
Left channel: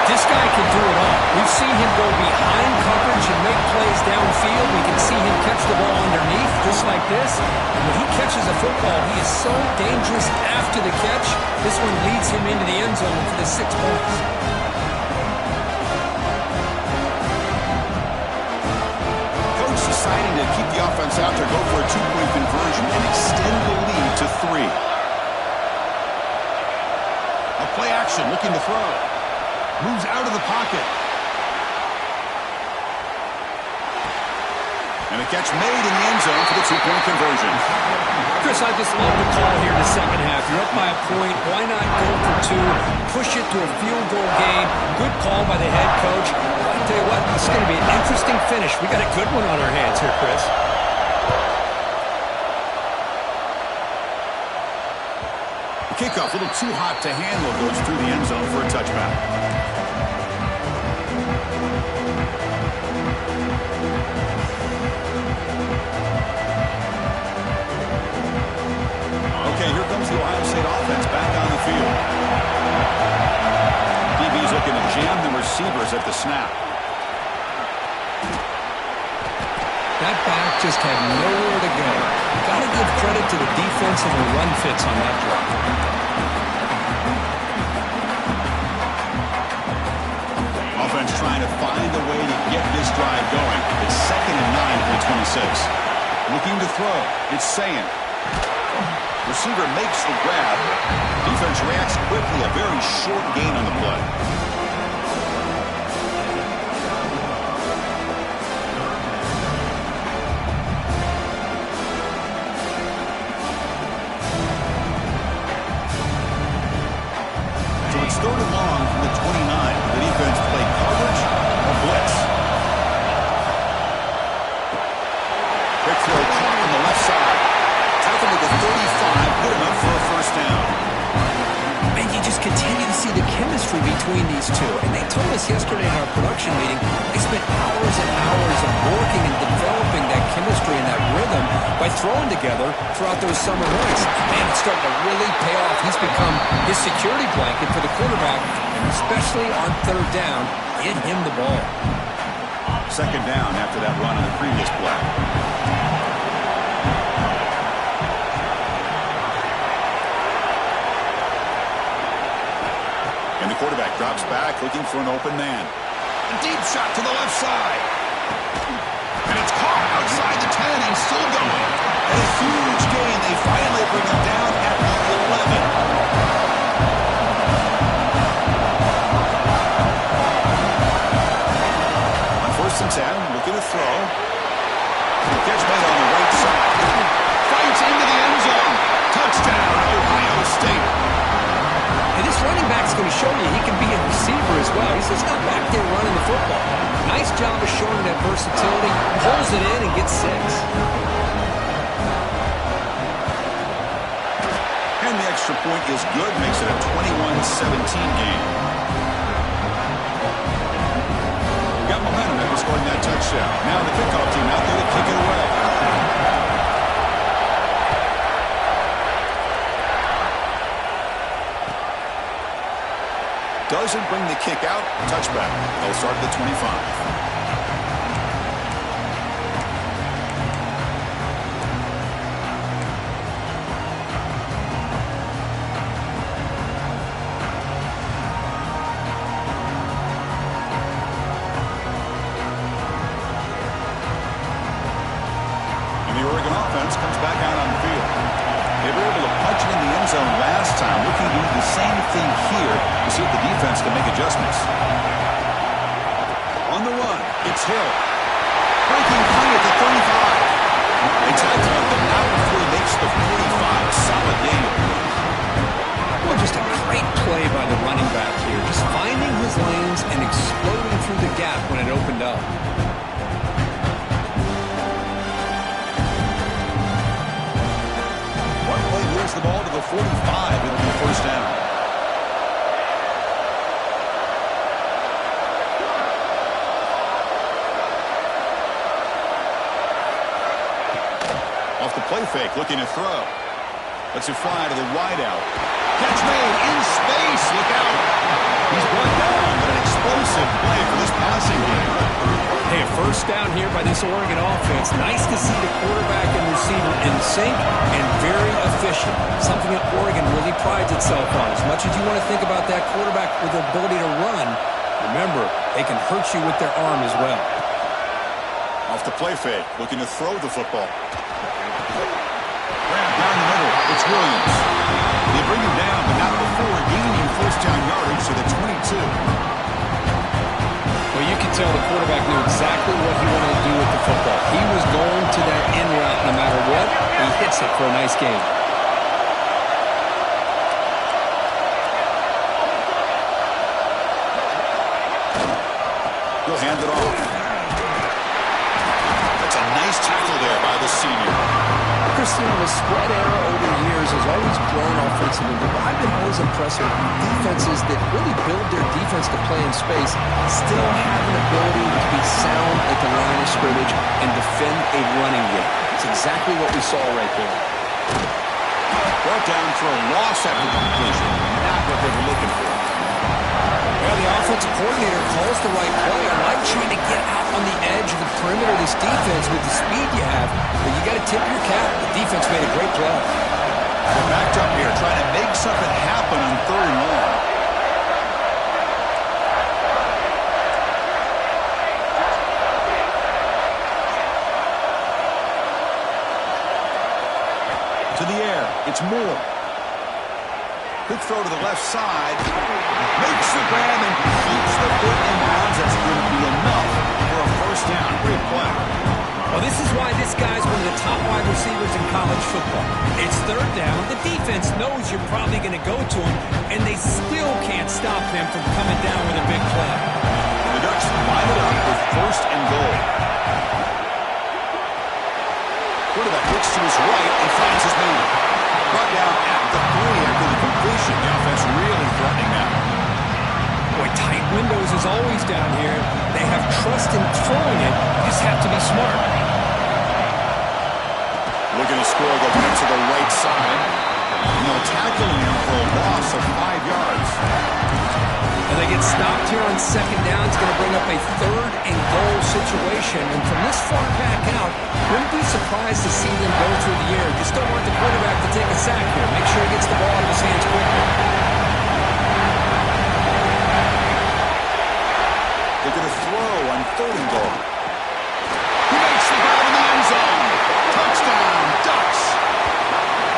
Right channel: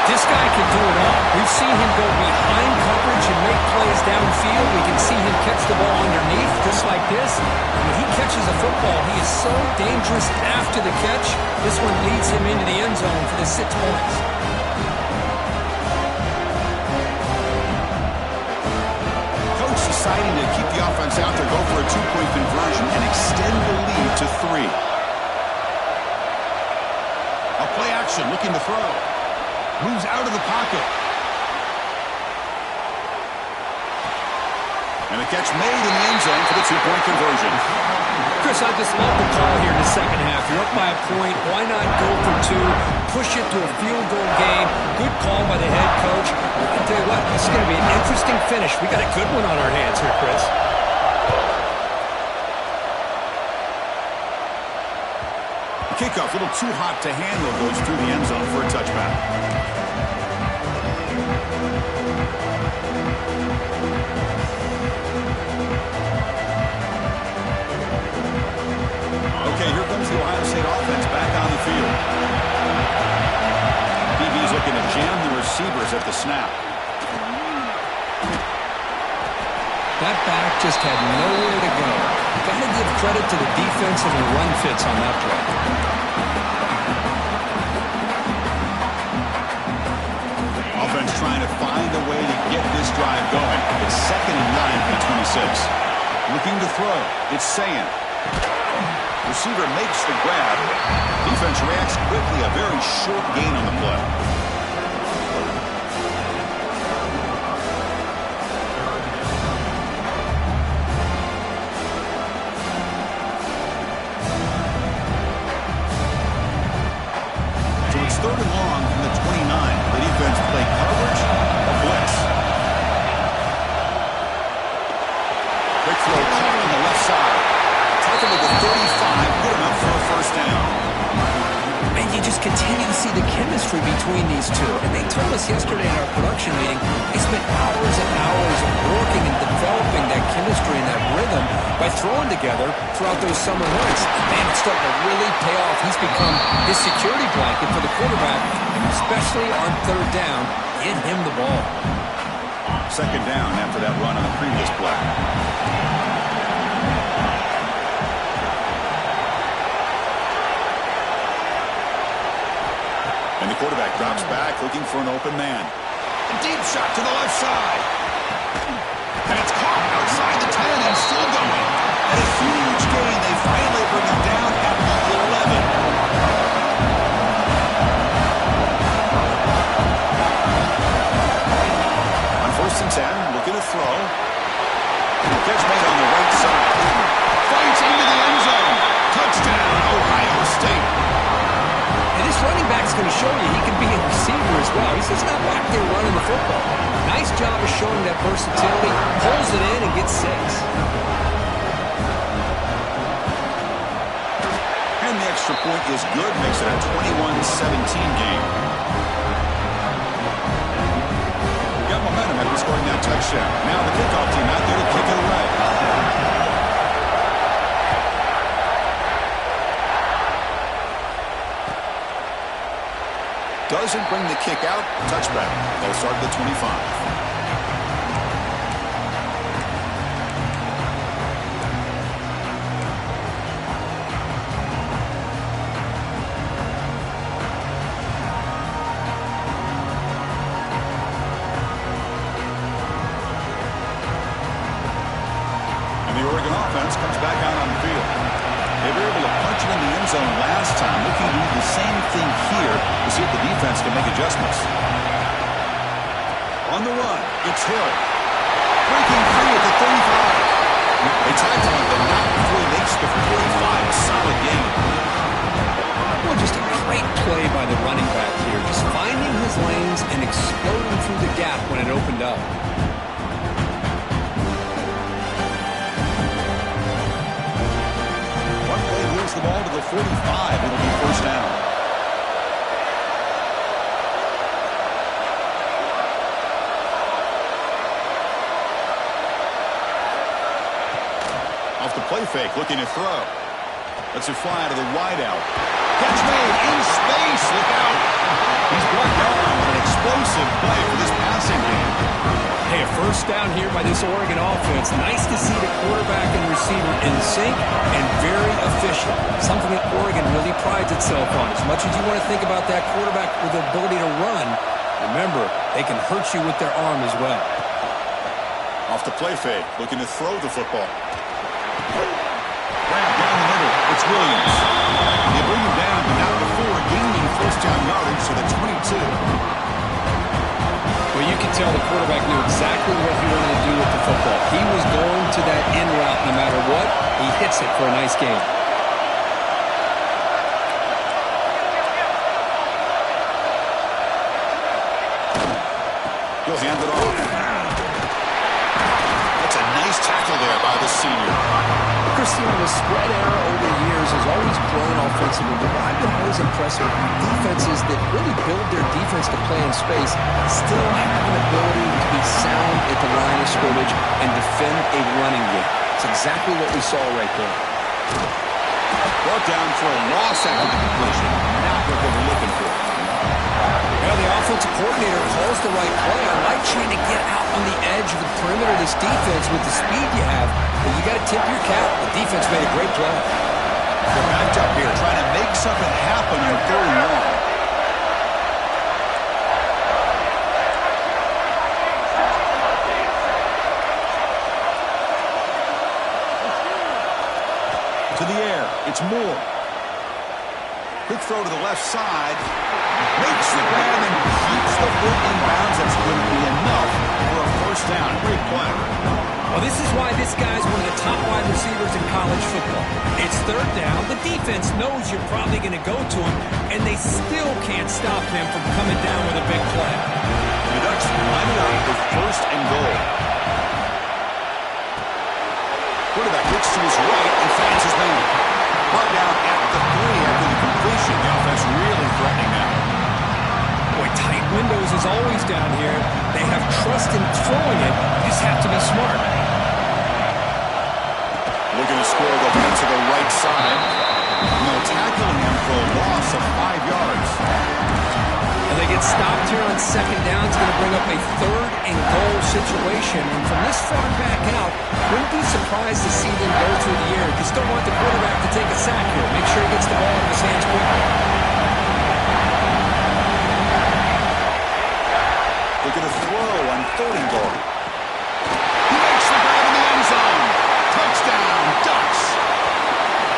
This guy can do it all. We've seen him go behind coverage and make plays downfield. We can see him catch the ball underneath, just like this. And when he catches a football, he is so dangerous after the catch. This one leads him into the end zone for the 6 points. Coach deciding to keep the offense out there, go for a two-point conversion, and extend the lead to 3. A play action, looking to throw. Moves out of the pocket. And a catch made in the end zone for the two-point conversion. Chris, I just love the call here in the second half. You're up by a point. Why not go for 2? Push it to a field goal game. Good call by the head coach. I tell you what, this is going to be an interesting finish. We got a good one on our hands here, Chris. Kickoff, a little too hot to handle, goes through the end zone for a touchback. Okay, here comes the Ohio State offense back on the field. DB's looking to jam the receivers at the snap. That back just had nowhere to go. Got to give credit to the defensive and run fits on that play. Offense trying to find a way to get this drive going. It's 2nd and 9 from the 26. Looking to throw. It's Sayin. Receiver makes the grab. Defense reacts quickly. A very short gain on the play. Quick throw caught on the left side. Tackled at the 35, good enough for a first down. And you just continue to see the chemistry between these two. And they told us yesterday in our production meeting, they spent hours and hours of working and developing that chemistry and that rhythm by throwing together throughout those summer months. Man, it's starting to really pay off. He's become his security blanket for the quarterback, and especially on third down, get him the ball. Second down after that run on the previous play. And the quarterback drops back, looking for an open man. A deep shot to the left side. And it's caught outside the 10 and still going. And a huge gain. They finally bring him down at the 11. On 1st and 10, looking to throw. Catch made on the right side. Fights into the end zone. Touchdown, Ohio State. And this running back's going to show you he can be a receiver as well. He's just not back there running the football. Nice job of showing that versatility. Pulls it in and gets 6. And the extra point is good. Makes it a 21-17 game. Got momentum after scoring that touchdown. Now the kickoff team out there to kick it away. Doesn't bring the kick out. Touchback. They'll start at the 25. And the Oregon offense comes back out on the field. They were able to punch it in the end zone last time, looking to do the same thing here to see if the defense can make adjustments. On the run, it's Hill. Breaking free at the 35. They tackle him, but not before he makes the 45. Solid game. Well, just a great play by the running back here. Just finding his lanes and exploding through the gap when it opened up. Moves the ball to the 45. It'll be first down. Off the play fake, looking to throw. Lets it fly to the wideout. Catch made in space. Look out. He's brought down, but an explosive play for this passing game. Hey, a first down here by this Oregon offense. Nice to see the quarterback and receiver in sync and very efficient. Something that Oregon really prides itself on. As much as you want to think about that quarterback with the ability to run, remember, they can hurt you with their arm as well. Off the play fake, looking to throw the football. Grab down the middle. It's Williams. They bring him down, but not before gaining first down yardage to the 22. Well, you can tell the quarterback knew exactly what he wanted to do with the football. He was going to that in route no matter what. He hits it for a nice gain. He'll hand it off. That's a nice tackle there by the senior. Christian, the spread era over the years has always grown offensively, but I've been always impressed with defenses that really build their defense to play in space, still have an ability to be sound at the line of scrimmage and defend a running game. It's exactly what we saw right there. Brought down for a loss after the completion. Not what they were looking for. Well, the offensive coordinator calls the right play. I like trying to get out on the edge of the perimeter of this defense with the speed you have, but you got to tip your cap. The defense made a great play. They're backed up here, trying to make something happen on 3rd and long. To the air, it's Moore. Quick throw to the left side. Makes the grab and keeps the foot in bounds. That's going to be enough for a first down. Great play. Well, this is why this guy's one of the top wide receivers in college football. It's 3rd down. The defense knows you're probably going to go to him, and they still can't stop him from coming down with a big play. The Ducks line it up with 1st and goal. Quarterback looks to his right and finds his man. Brought down at the 3 after the completion. The offense really threatening now. Boy, tight windows is always down here. They have trust in throwing it. You just have to be smart. Looking to score, they'll get to the right side. No tackling him for a loss of 5 yards. And they get stopped here on second down. It's going to bring up a 3rd and goal situation. And from this far back out, wouldn't be surprised to see them go through the air. Just don't want the quarterback to take a sack here. Make sure he gets the ball out of his hands quickly. They're going to throw on 3rd and goal. He makes the grab in the end zone. Touchdown, Ducks.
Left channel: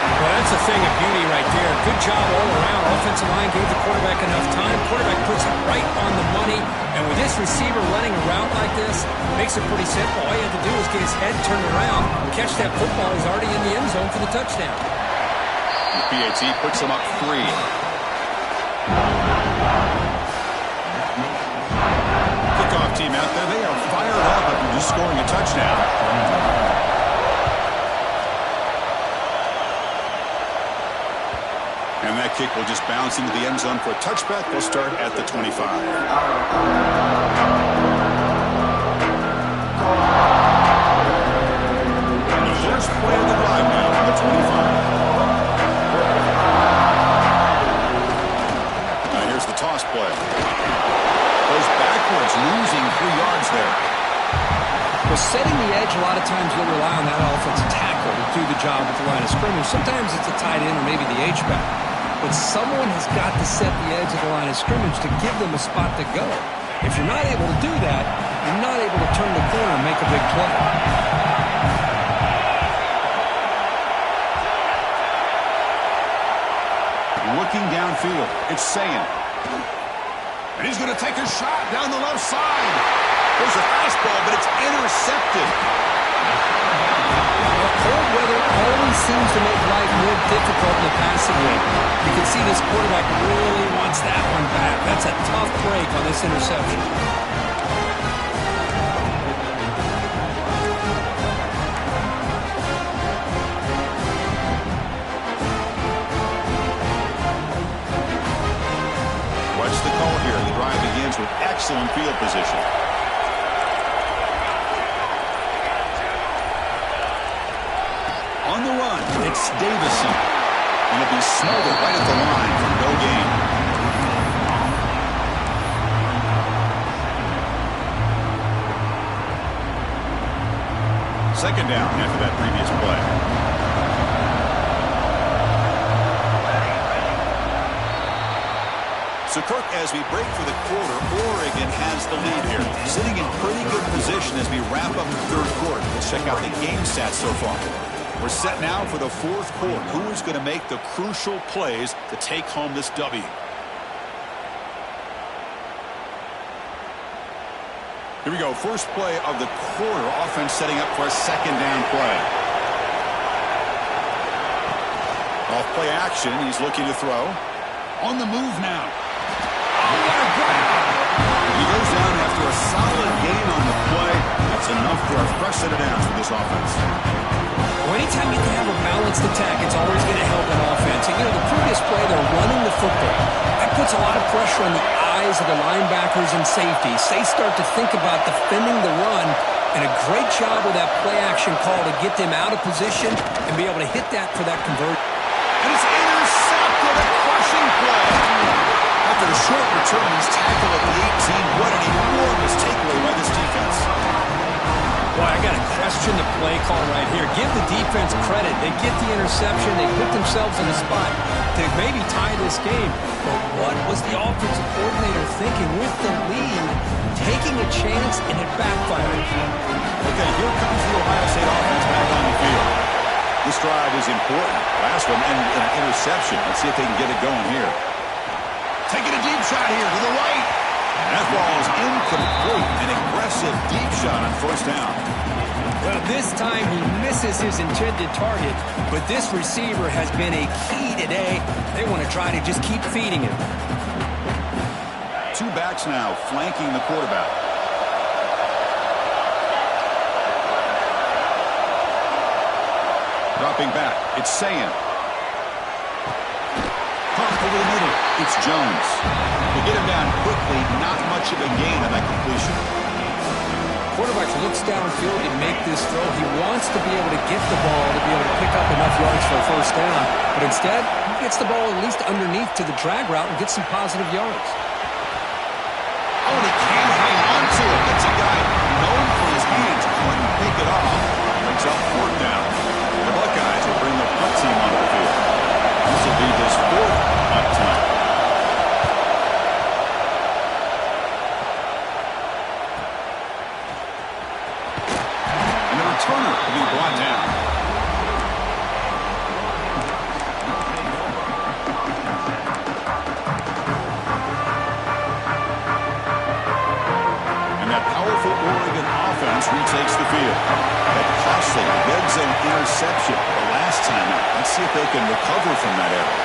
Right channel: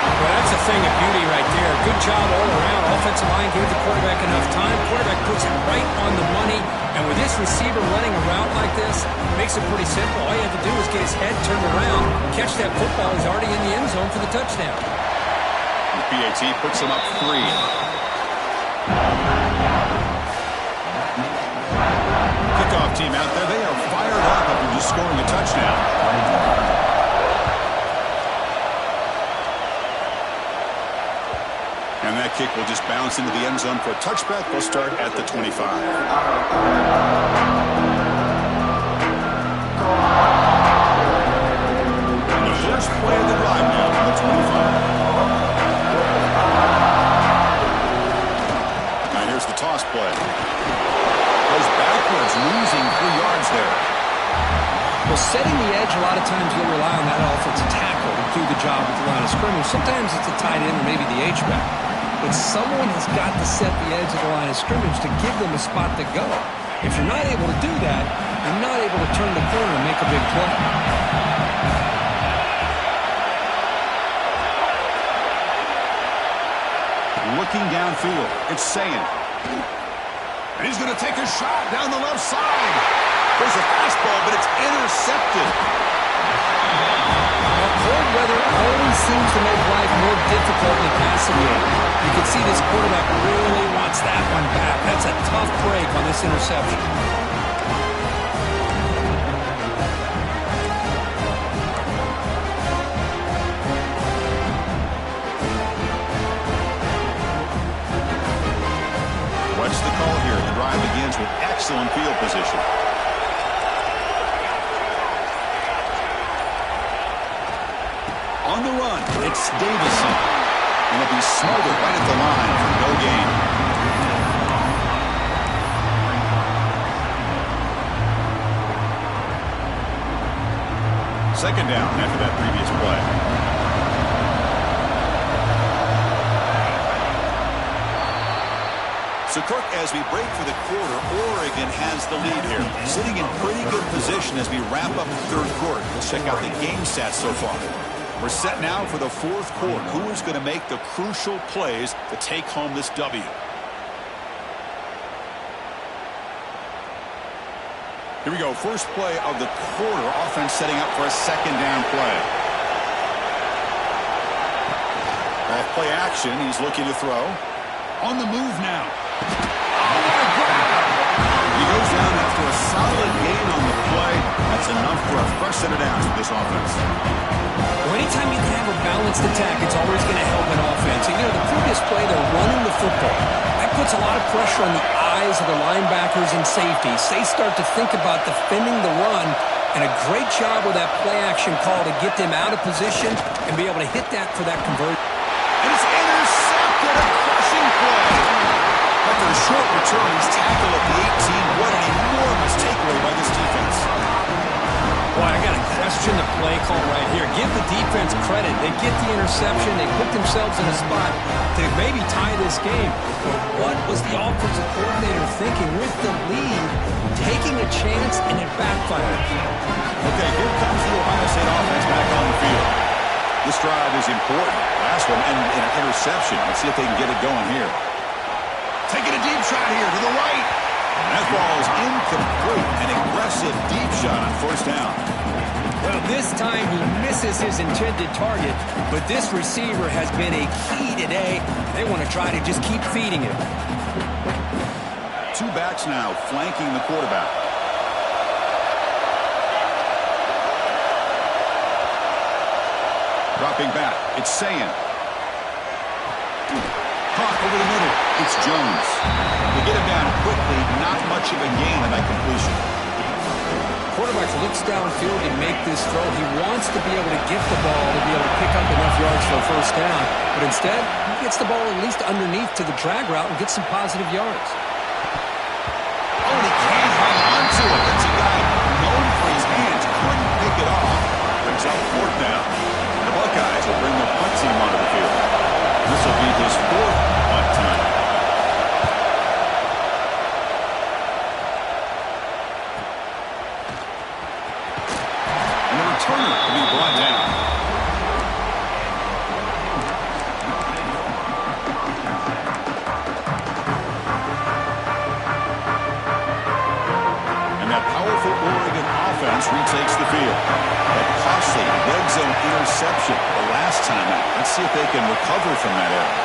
Well, that's a thing of beauty right there. Good job all around. Offensive line gave the quarterback enough time. Quarterback puts it right on the money. And with this receiver running a route like this, makes it pretty simple. All you have to do is get his head turned around, catch that football. He's already in the end zone for the touchdown. The PAT puts him up 3. Kickoff team out there. They are fired up after just scoring a touchdown. And that kick will just bounce into the end zone for a touchback. They'll start at the 25. And the first play of the drive now on the 25. Now here's the toss play. Goes backwards, losing 3 yards there. Well, setting the edge, a lot of times you'll rely on that offensive tackle to do the job at the line of scrimmage. Sometimes it's a tight end or maybe the H-back. But someone has got to set the edge of the line of scrimmage to give them a spot to go. If you're not able to do that, you're not able to turn the corner and make a big play. Looking downfield, it's Sayin. And he's going to take a shot down the left side. There's a fastball, but it's intercepted. Well, cold weather always seems to make life more difficult in the passing game. You can see this quarterback really wants that one back. That's a tough break on this interception. What's the call here? The drive begins with excellent field position. On the run, it's Davison. And it'll be smothered right at the line for no gain. Second down after that previous play. So, Kirk, as we break for the quarter, Oregon has the lead here. Sitting in pretty good position as we wrap up the 3rd quarter. Let's check out the game stats so far. We're set now for the 4th quarter. Who is going to make the crucial plays to take home this W? Here we go. First play of the quarter. Offense setting up for a 2nd down play. Off play action. He's looking to throw. On the move now. Oh, what a grab! He goes down after a solid gain on the play. That's enough for a fresh set of downs for this offense. Well, anytime you can have a balanced attack, it's always going to help an offense. And, you know, the previous play, they're running the football. That puts a lot of pressure on the eyes of the linebackers and safeties. They start to think about defending the run, and a great job with that play action call to get them out of position and be able to hit that for that conversion. And it's intercepted, a crushing play. After a short return, he's tackled at the 18. What an enormous takeaway by this defense. Boy, I got to question the play call right here. Give the defense credit. They get the interception. They put themselves in a spot to maybe tie this game. But what was the offensive coordinator thinking with the lead, taking a chance, and it backfires? Okay, here comes the Ohio State offense back on the field. This drive is important. Last one ended in an interception. Let's see if they can get it going here. Taking a deep shot here to the right. And that ball is incomplete. An aggressive deep shot on 1st down. Well, this time he misses his intended target, but this receiver has been a key today. They want to try to just keep feeding him. 2 backs now flanking the quarterback. Dropping back, it's Sayan. Caught over the middle, it's Jones. They get him down quickly, not much of a gain on that completion. Quarterback looks downfield to make this throw. He wants to be able to get the ball to be able to pick up enough yards for a first down. But instead, he gets the ball at least underneath to the drag route and gets some positive yards. Oh, and he can't hang on to it. That's a guy known for his hands. Couldn't pick it off. Brings up fourth down. The Buckeyes will bring their punt team onto the field. This will be his fourth punt tonight. Turner to be brought down. And that powerful Oregon offense retakes the field. That costly red zone interception the last time out. Let's see if they can recover from that error.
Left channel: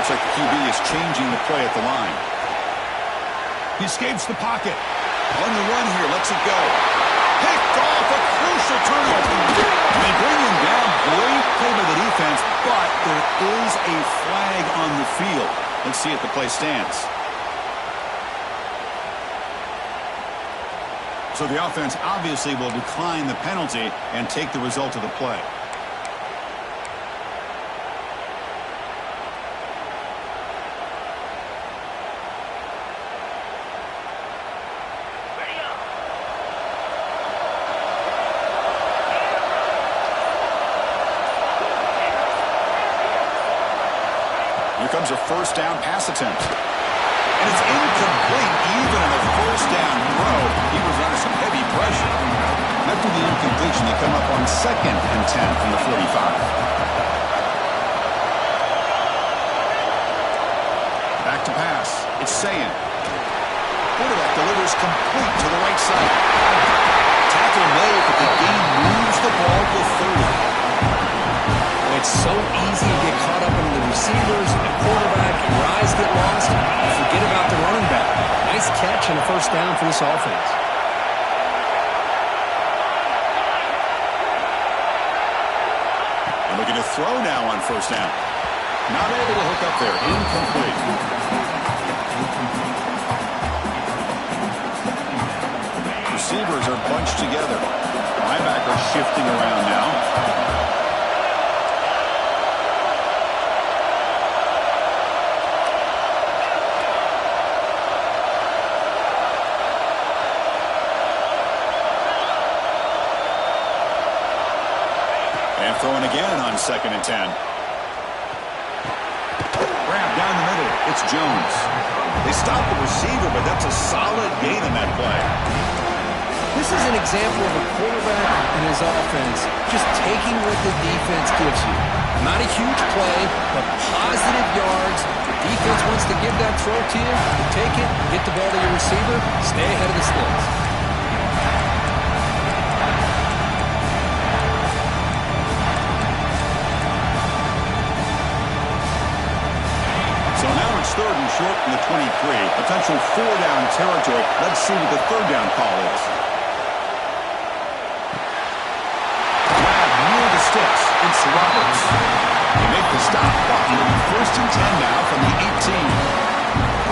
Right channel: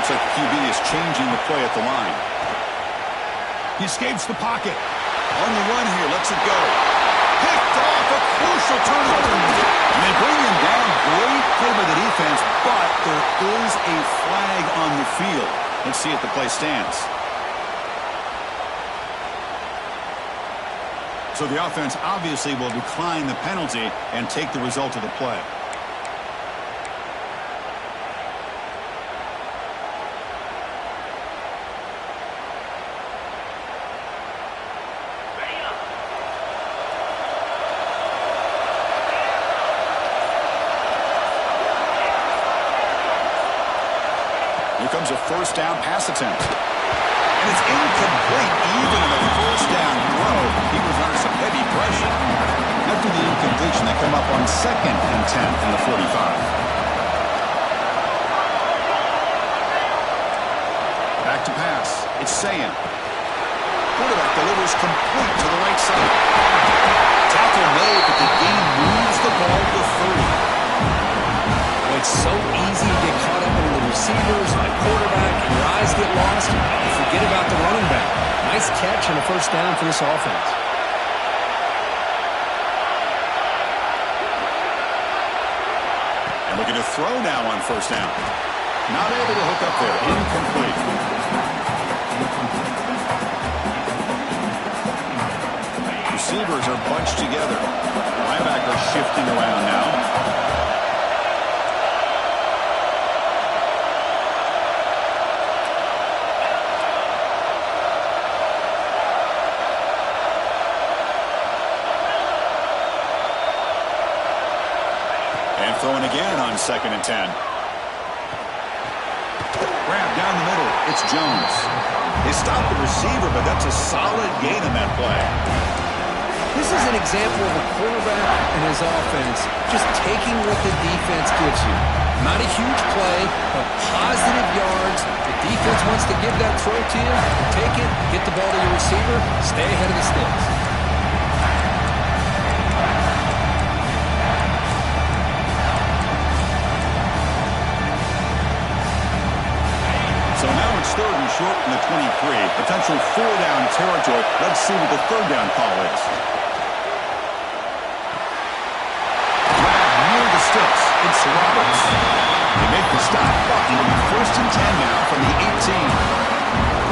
Looks like the QB is changing the play at the line. He escapes the pocket. On the run here, lets it go. Picked off, a crucial turnover. And they bring him down. Great play by the defense, but there is a flag on the field. Let's see if the play stands. So the offense obviously will decline the penalty and take the result of the play. Here comes a first down pass attempt. And it's incomplete. Even on a first down throw, he was under some heavy pressure. After the incompletion, they come up on 2nd and 10 from the 45. Back to pass. It's Sayan. Quarterback delivers complete to the right side. Tackle made, but the game moves the ball to 30. It's so easy to get caught up in the receivers and the quarterback, and your eyes get lost. You forget about the running back. Nice catch and a first down for this offense. And looking to throw now on first down. Not able to hook up there. Incomplete. Receivers are bunched together. Linebackers shifting around now. And throwing again on 2nd and 10. Grab down the middle. It's Jones. They stop the receiver, but that's a solid gain on that play. This is an example of a quarterback and his offense just taking what the defense gives you. Not a huge play, but positive yards. The defense wants to give that throw to you. You take it, get the ball to your receiver, stay ahead of the sticks. So now it's 3rd and short from the 23. Potential 4-down territory. Let's see what the 3rd down call is. Grab near the sticks. It's Roberts. They make the stop, but it'll be 1st and 10 now from the 18.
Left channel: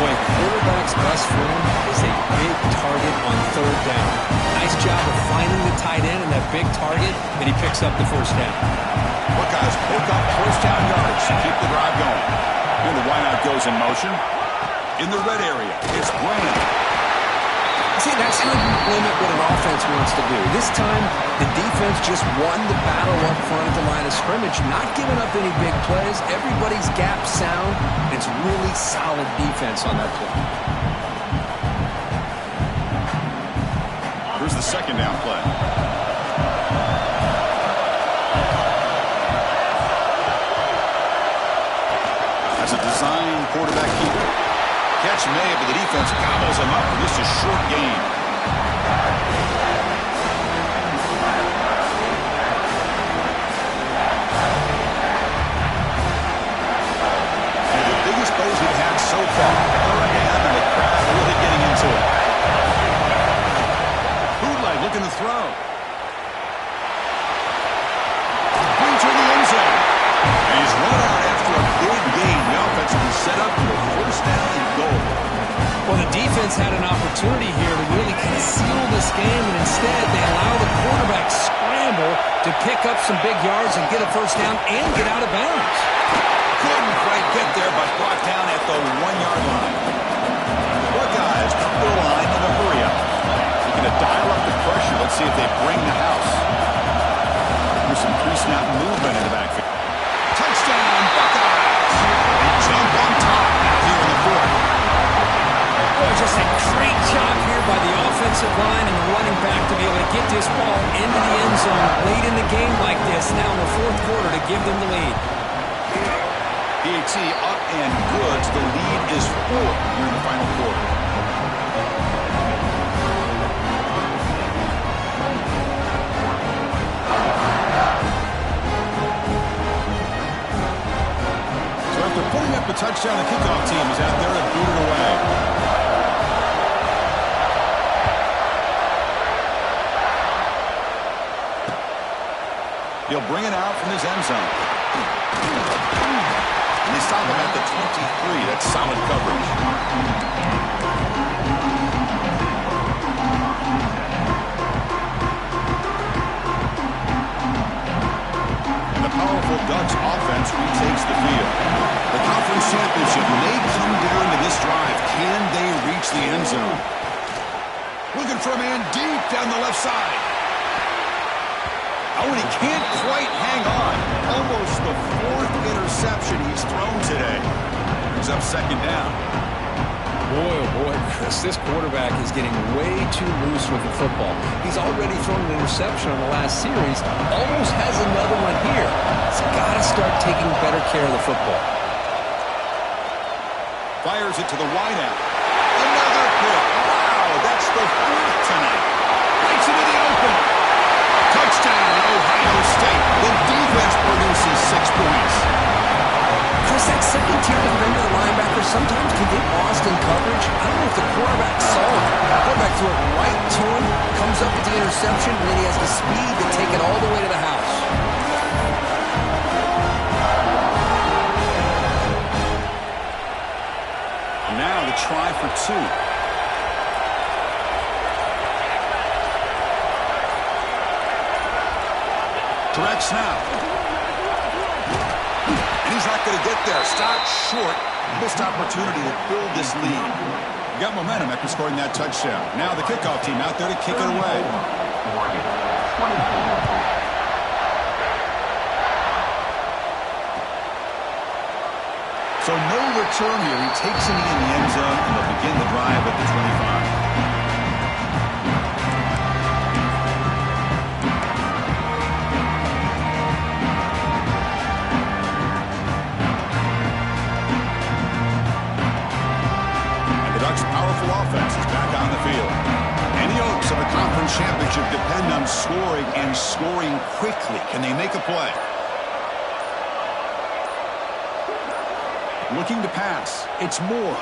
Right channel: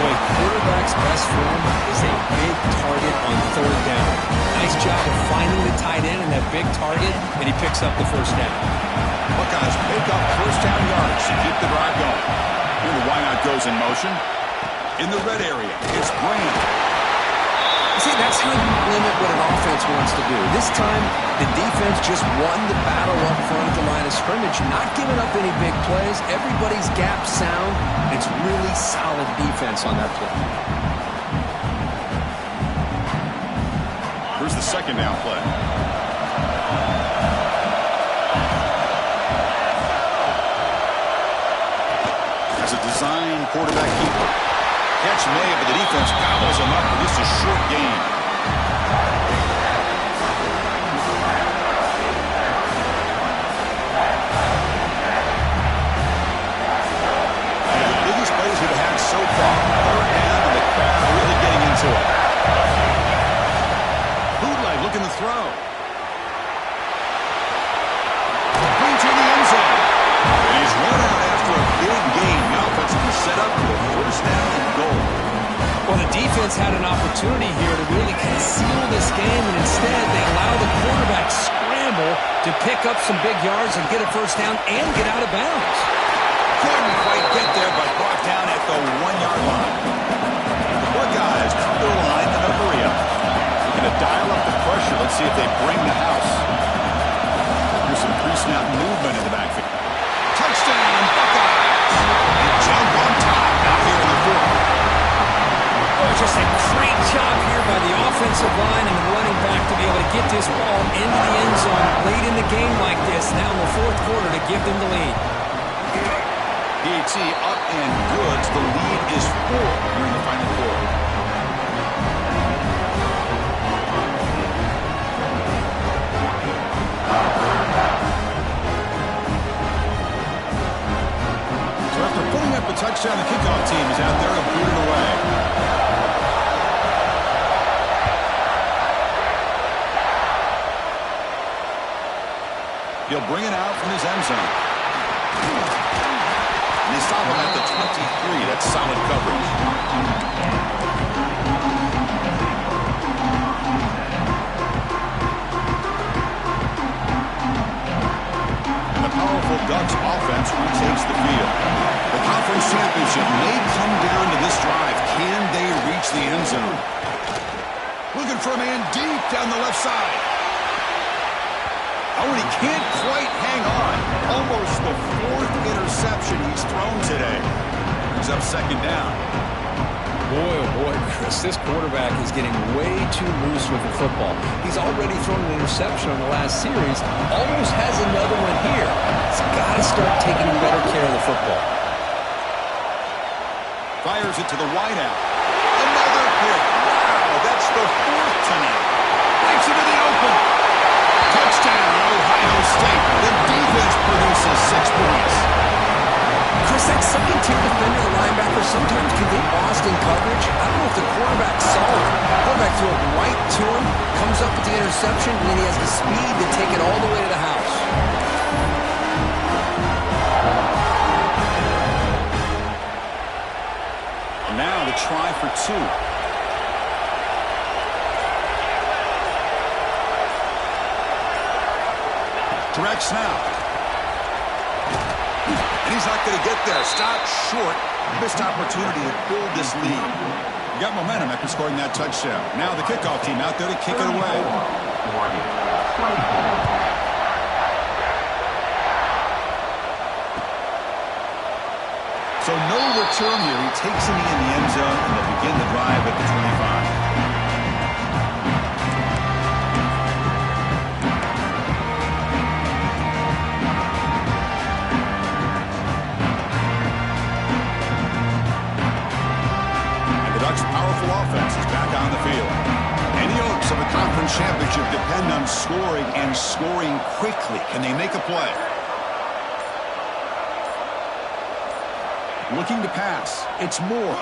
Boy, quarterback's best friend is a big target on 3rd down. Nice job of finding the tight end and that big target, and he picks up the first down. Buckeyes pick up first down yards to keep the drive going. And the wideout goes in motion. In the red area, it's Graham. See, that's how you limit what an offense wants to do. This time, the defense just won the battle up front at the line of scrimmage, not giving up any big plays. Everybody's gap sound. It's really solid defense on that play. Here's the 2nd down play. As a design quarterback keeper. Catch made, but the defense gobbles him up for just a short gain. One of the biggest plays we've had so far. 3rd down, and the crowd really getting into it. Bootleg looking to throw. One out after a big gain. The offense will be set up for the first down and goal. Well, the defense had an opportunity here to really kind of seal this game, and instead they allow the quarterback scramble to pick up some big yards and get a first down and get out of bounds. Couldn't quite get there, but brought down at the 1-yard line. The Buckeyes come to the line in a hurry-up. They're going to dial up the pressure. Let's see if they bring the house. Here's some pre-snap movement in the backfield. Touchdown, Buckeyes! They jump on top now here in the fourth. Oh, just a great job here by the offensive line and the running back to be able to get this ball into the end zone late in the game like this, now in the fourth quarter, to give them the lead. PAT up and good. The lead is 4 here in the final quarter. So after putting up a touchdown, the kickoff team is out there to boot it away. He'll bring it out from his end zone. And they stop him at the 23. That's solid coverage. And the powerful Ducks offense retakes the field. The conference championship may come down to this drive. Can they reach the end zone? Looking for a man deep down the left side. Oh, and he can't quite hang on. Almost the 4th interception he's thrown today. Brings up second down. Boy, oh boy, Chris, this quarterback is getting way too loose with the football. He's already thrown an interception on the last series. Almost has another one here. He's got to start taking better care of the football. Fires it to the wideout. Another pick. Wow, that's the 4th tonight. Breaks into the open. Touchdown, Ohio State. The defense produces 6 points. Chris, that second-tier defender, the linebacker, sometimes can get lost in coverage. I don't know if the quarterback saw it. The quarterback threw it right to him, comes up with the interception, and then he has the speed to take it all the way to the house. And now the try for 2. Direct snap. And he's not going to get there. Stopped short. Missed opportunity to build this lead. You got momentum after scoring that touchdown. Now the kickoff team out there to kick it away. So no return here. He takes a knee in the end zone, and they'll begin the drive at the 25. Powerful offense is back on the field. And the hopes of a conference championship depend on scoring and scoring quickly. Can they make a play? Looking to pass. It's Moore.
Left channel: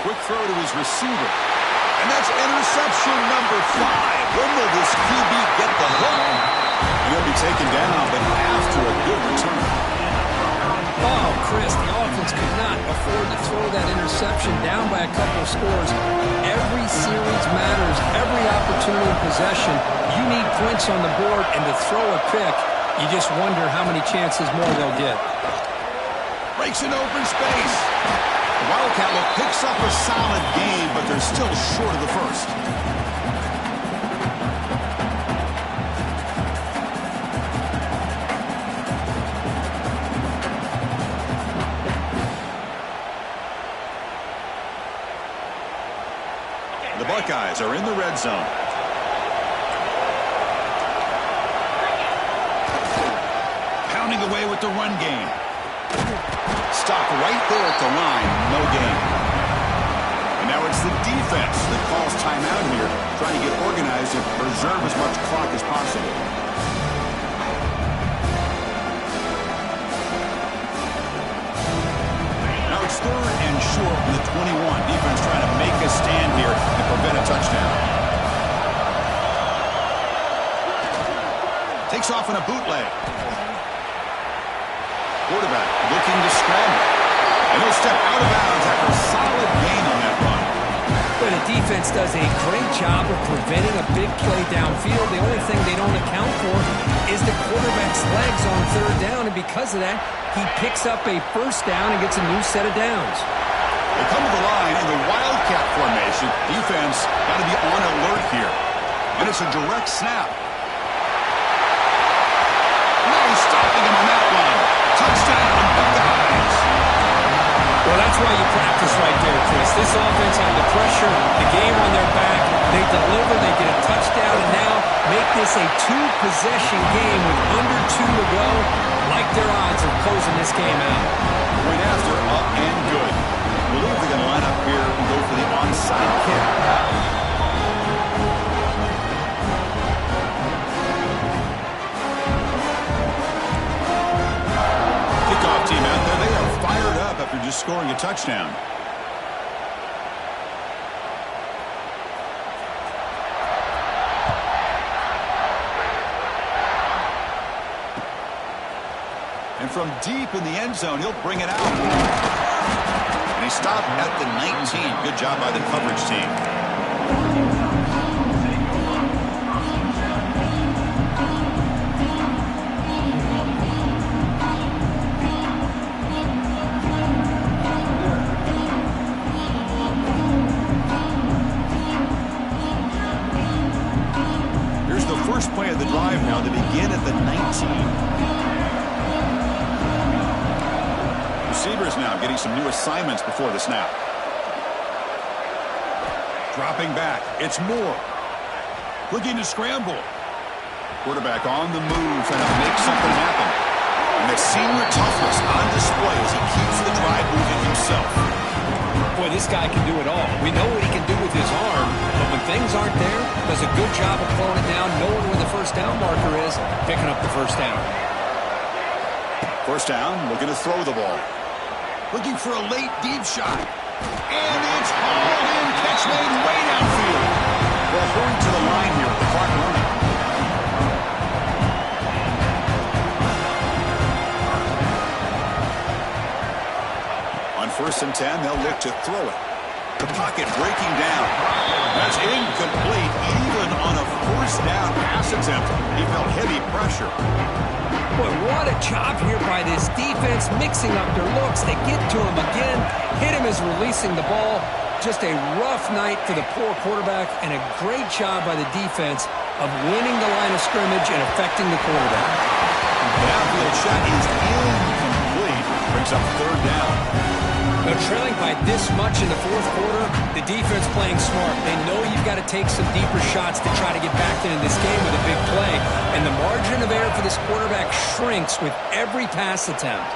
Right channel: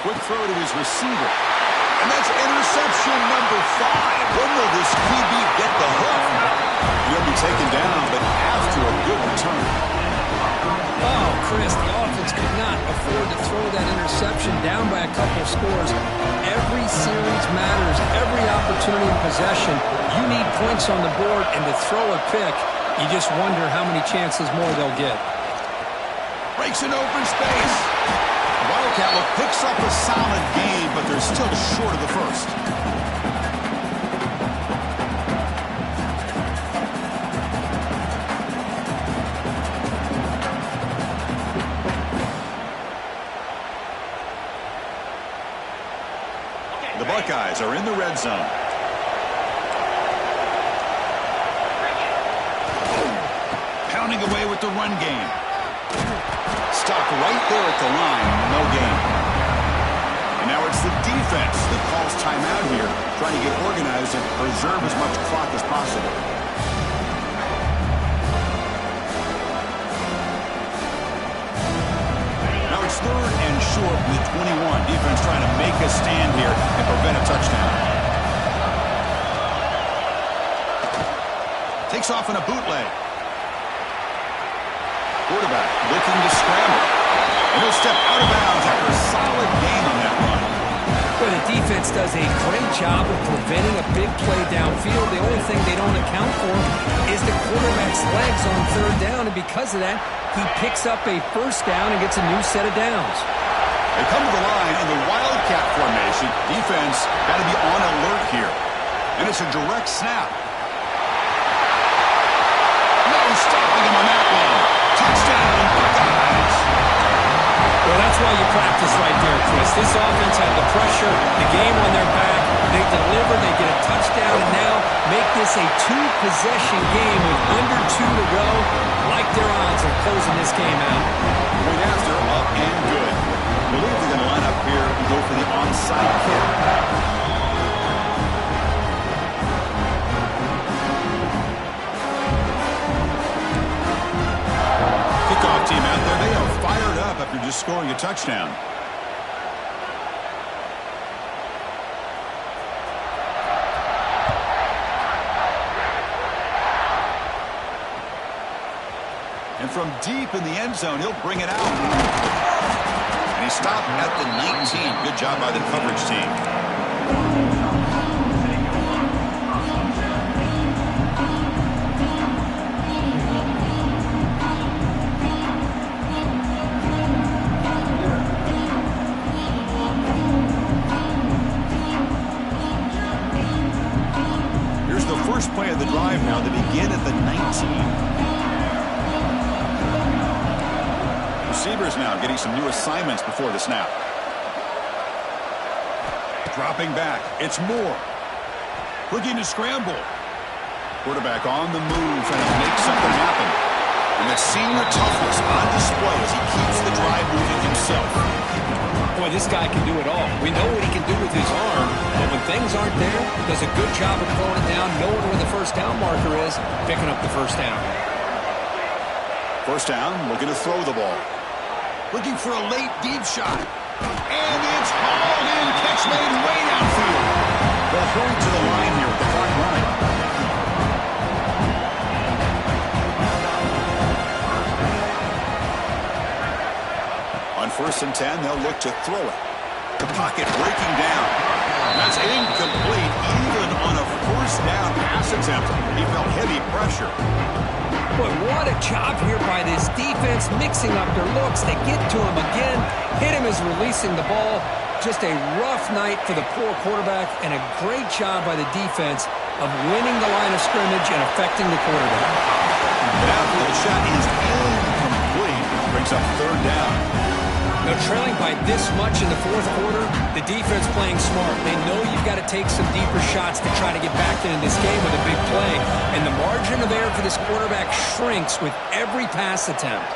Quick throw to his receiver. And that's interception number 5. When will this QB get the hook? He'll be taken down, but after a good return. Oh, Chris, the offense could not afford to throw that interception down by a couple scores. Every series matters. Every opportunity in possession. You need points on the board, and to throw a pick, you just wonder how many chances more they'll get. Breaks in open space. The Wildcat look picks up a solid game, but they're still short of the first. The Buckeyes are in the red zone. Pounding away with the run game. Stop right there at the line, no gain. And now it's the defense that calls timeout here, trying to get organized and preserve as much clock as possible. Now it's 3rd and short from the 21. Defense trying to make a stand here and prevent a touchdown. Takes off in a bootleg. quarterback looking to scramble. And he'll step out of bounds after a solid gain on that run. Well, the defense does a great job of preventing a big play downfield. The only thing they don't account for is the quarterback's legs on third down, and because of that, he picks up a first down and gets a new set of downs. They come to the line in the Wildcat formation. Defense got to be on alert here. And it's a direct snap. No stopping him on that one. Touchdown, Buckeyes. Well, that's why you practice right there, Chris. This offense had the pressure, the game on their back. They deliver, they get a touchdown, and now make this a two-possession game with under 2 to go. Like their odds of closing this game out. Point after, up and good. I believe they're going to line up here and go for the onside kick. Kickoff team out there, they are fired up after just scoring a touchdown. And from deep in the end zone, he'll bring it out. And he stopped at the 19. Good job by the coverage team. Here's the first play of the drive now. They begin at the 19. Receivers now getting some new assignments before the snap. Dropping back. It's Moore. Looking to scramble. Quarterback on the move, trying to make something happen. And that senior toughness on display as he keeps the drive moving himself. Boy, this guy can do it all. We know what he can do with his arm, but when things aren't there, does a good job of pulling it down, knowing where the first down marker is, picking up the first down. First down, looking to throw the ball. Looking for a late deep shot. And it's hauled in. Catch made way downfield. They'll hurry to the line here with the clock running. On 1st and 10, they'll look to throw it. The pocket breaking down. That's incomplete. Even on a first down pass attempt, he felt heavy pressure. Boy, what a job here by this defense, mixing up their looks. They get to him again, hit him as releasing the ball. Just a rough night for the poor quarterback, and a great job by the defense of winning the line of scrimmage and affecting the quarterback. Downfield shot is incomplete. Brings up third down. Now, trailing by this much in the fourth quarter, the defense playing smart. They know you've got to take some deeper shots to try to get back into this game with a big play. And the margin of error for this quarterback shrinks with every pass attempt.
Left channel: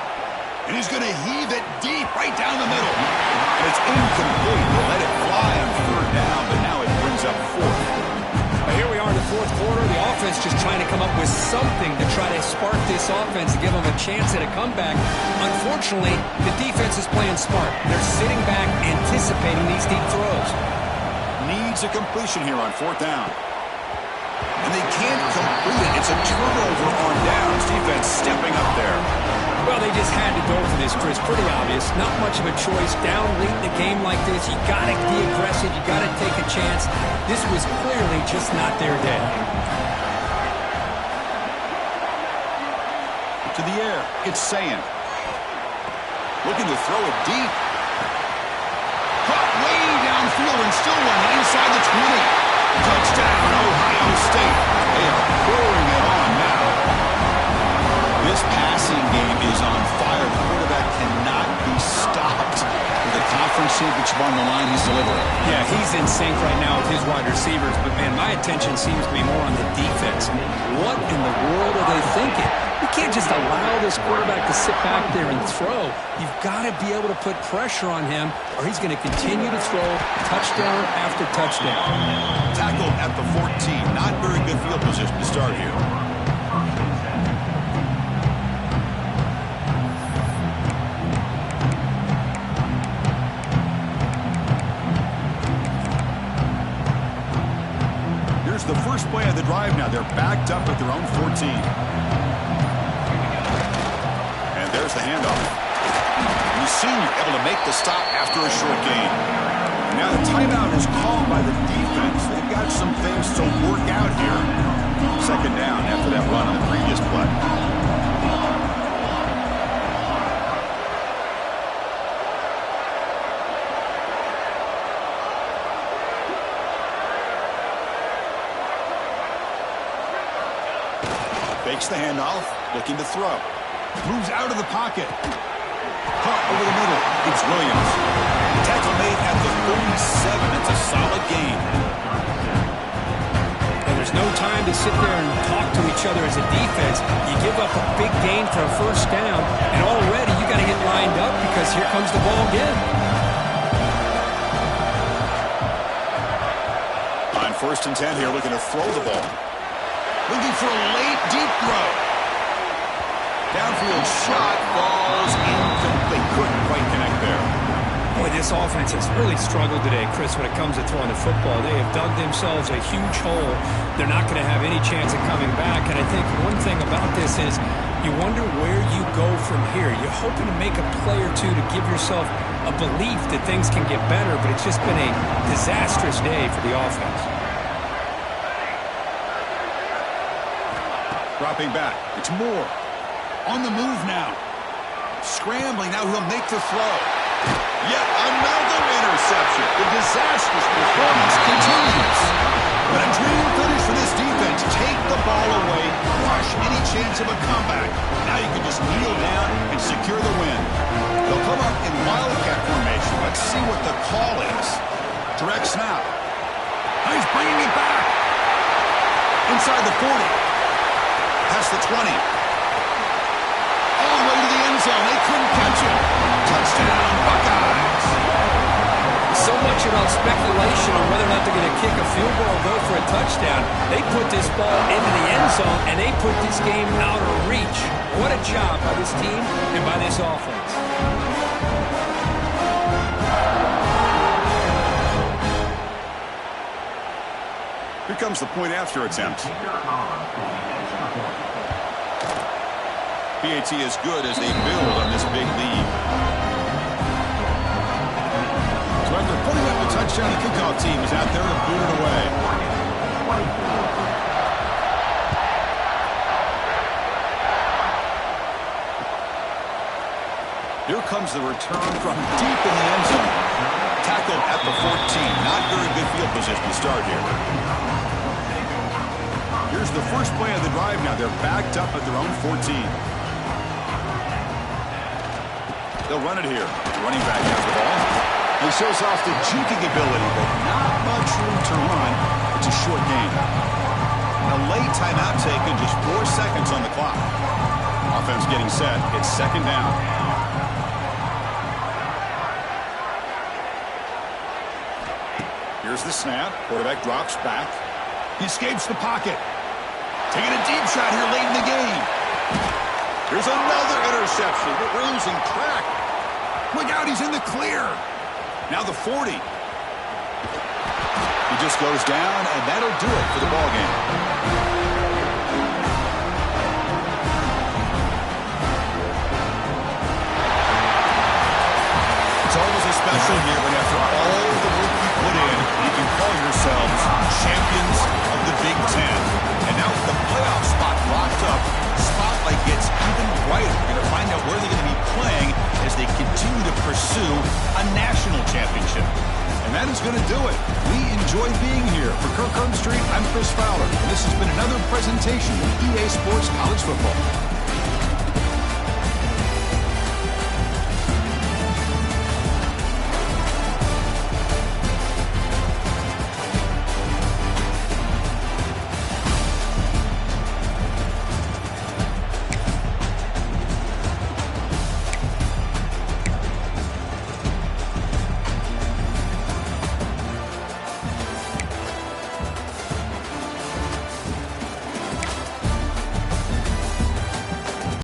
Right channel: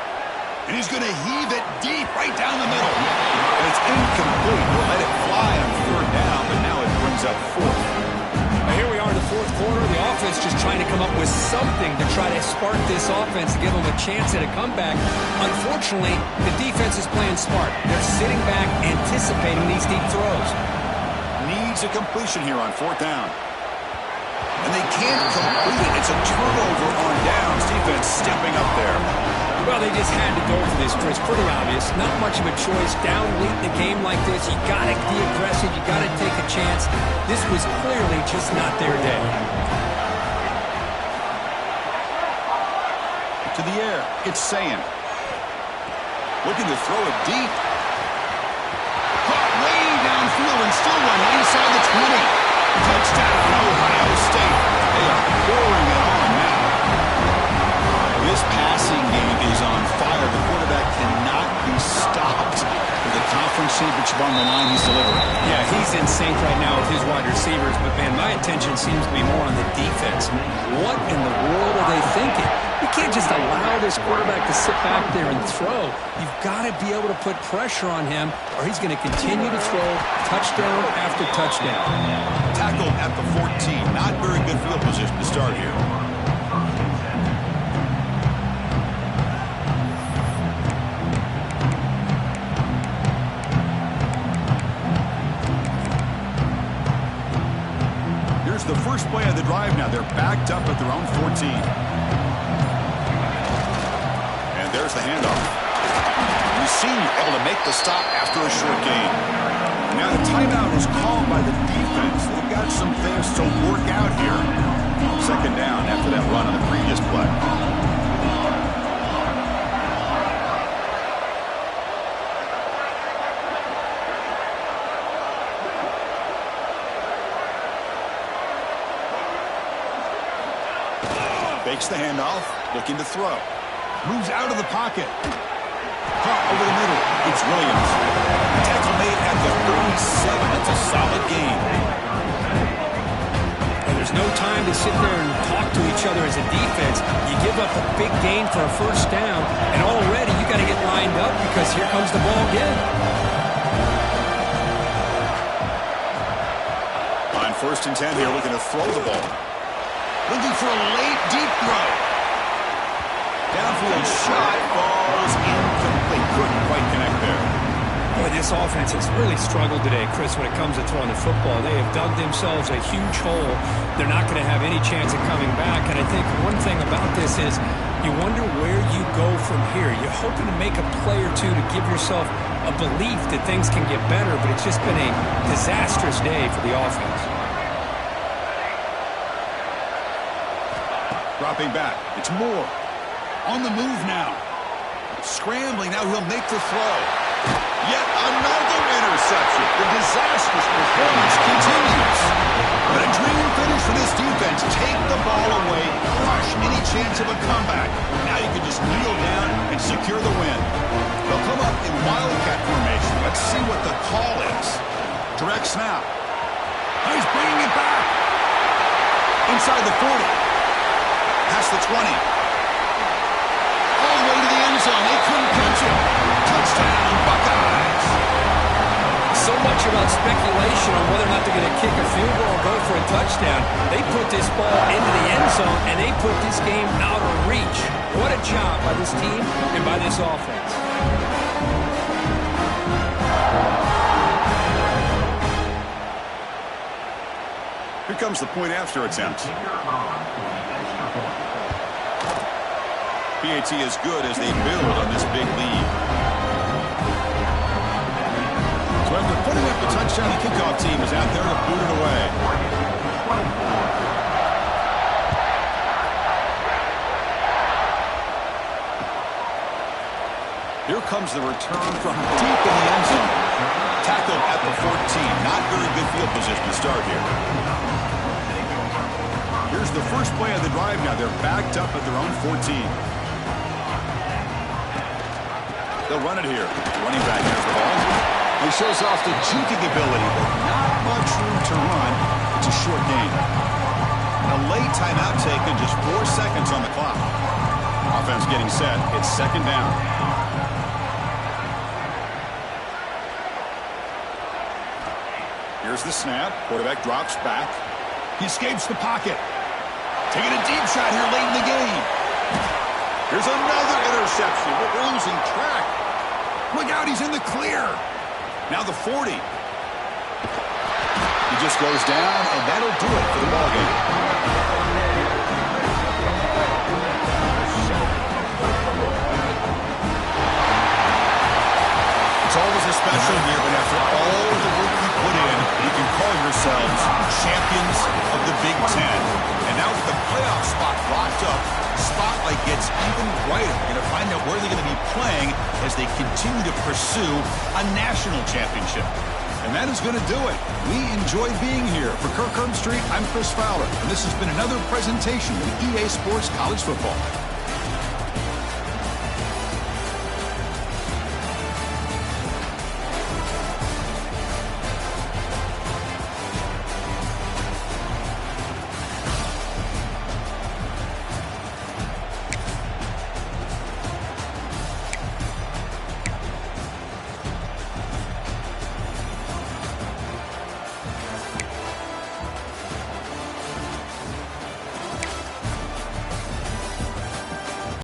And he's going to heave it deep right down the middle. And it's incomplete. He'll let it fly on third down, but now it brings up fourth. Now here we are in the fourth quarter. The offense just trying to come up with something to try to spark this offense to give them a chance at a comeback. Unfortunately, the defense is playing smart. They're sitting back, anticipating these deep throws. Needs a completion here on fourth down. And they can't complete it. It's a turnover on downs. Defense stepping up there. Well, they just had to go for this, Chris. Pretty obvious. Not much of a choice. Down late in a game like this, you got to be aggressive. You got to take a chance. This was clearly just not their day. To the air, it's Sayin. Looking to throw it deep. Caught way downfield and still running inside the 20. Touchdown, Ohio State. They are pouring it on now. This passing game is on fire. The quarterback cannot be stopped. With the conference championship on the line, he's delivering. Yeah, he's in sync right now with his wide receivers, but, man, my attention seems to be more on the defense. What in the world are they thinking? You can't just allow this quarterback to sit back there and throw. You've got to be able to put pressure on him, or he's going to continue to throw touchdown after touchdown. Tackled at the 14. Not very good field position to start here. Here's the first play of the drive now. They're backed up at their own 14. And There's the handoff. The senior able to make the stop after a short gain. Now the timeout is called by the defense. They've got some things to work out here. Second down after that run on the previous play. Fakes the handoff, looking to throw. Moves out of the pocket. Caught over the middle. It's Williams. Tackle made at the 37. That's a solid gain. And there's no time to sit there and talk to each other as a defense. You give up a big gain for a first down, and already you got to get lined up because here comes the ball again. On 1st and 10 here, looking to throw the ball. Looking for a late, deep throw. Downfield shot falls incomplete. Couldn't quite connect there. Boy, this offense has really struggled today, Chris, when it comes to throwing the football. They have dug themselves a huge hole. They're not going to have any chance of coming back. And I think one thing about this is you wonder where you go from here. You're hoping to make a play or two to give yourself a belief that things can get better, but it's just been a disastrous day for the offense. Dropping back. It's Moore. On the move now. Scrambling. Now he'll make the throw. Yet another interception. The disastrous performance continues. But a dream finish for this defense. Take the ball away. Crush any chance of a comeback. Now you can just kneel down and secure the win. They'll come up in Wildcat formation. Let's see what the call is. Direct snap. He's bringing it back. Inside the 40. Past the 20. All the way to the end zone. They couldn't catch him. Touchdown, Buckeyes. So much about speculation on whether or not they're going to kick a field goal or go for a touchdown. They put this ball into the end zone, and they put this game out of reach. What a job by this team and by this offense. Here comes the point after attempt. PAT is good as they build on this big lead. So after putting up the touchdown, the kickoff team is out there to boot it away. Here comes the return from deep in the end zone. Tackled at the 14. Not very good field position to start here. Here's the first play of the drive now. They're backed up at their own 14. They'll run it here. The running back has the ball. He shows off the juking ability, but not much room to run. It's a short gain. And a late timeout taken, just 4 seconds on the clock. Offense getting set. It's second down. Here's the snap. Quarterback drops back. He escapes the pocket. Taking a deep shot here late in the game. Here's another interception, but we're losing track. Look out, he's in the clear. Now the 40. He just goes down, and that'll do it for the ball game. It's always a special year, but after all the work you put in, you can call yourselves champions of the Big Ten. And now with the playoff spot locked up, spotlight gets even brighter. We're going to find out where they're going to be playing as they continue to pursue a national championship. And that is going to do it. We enjoy being here. For Kirk Herbstreit, I'm Chris Fowler. And this has been another presentation of EA Sports College Football.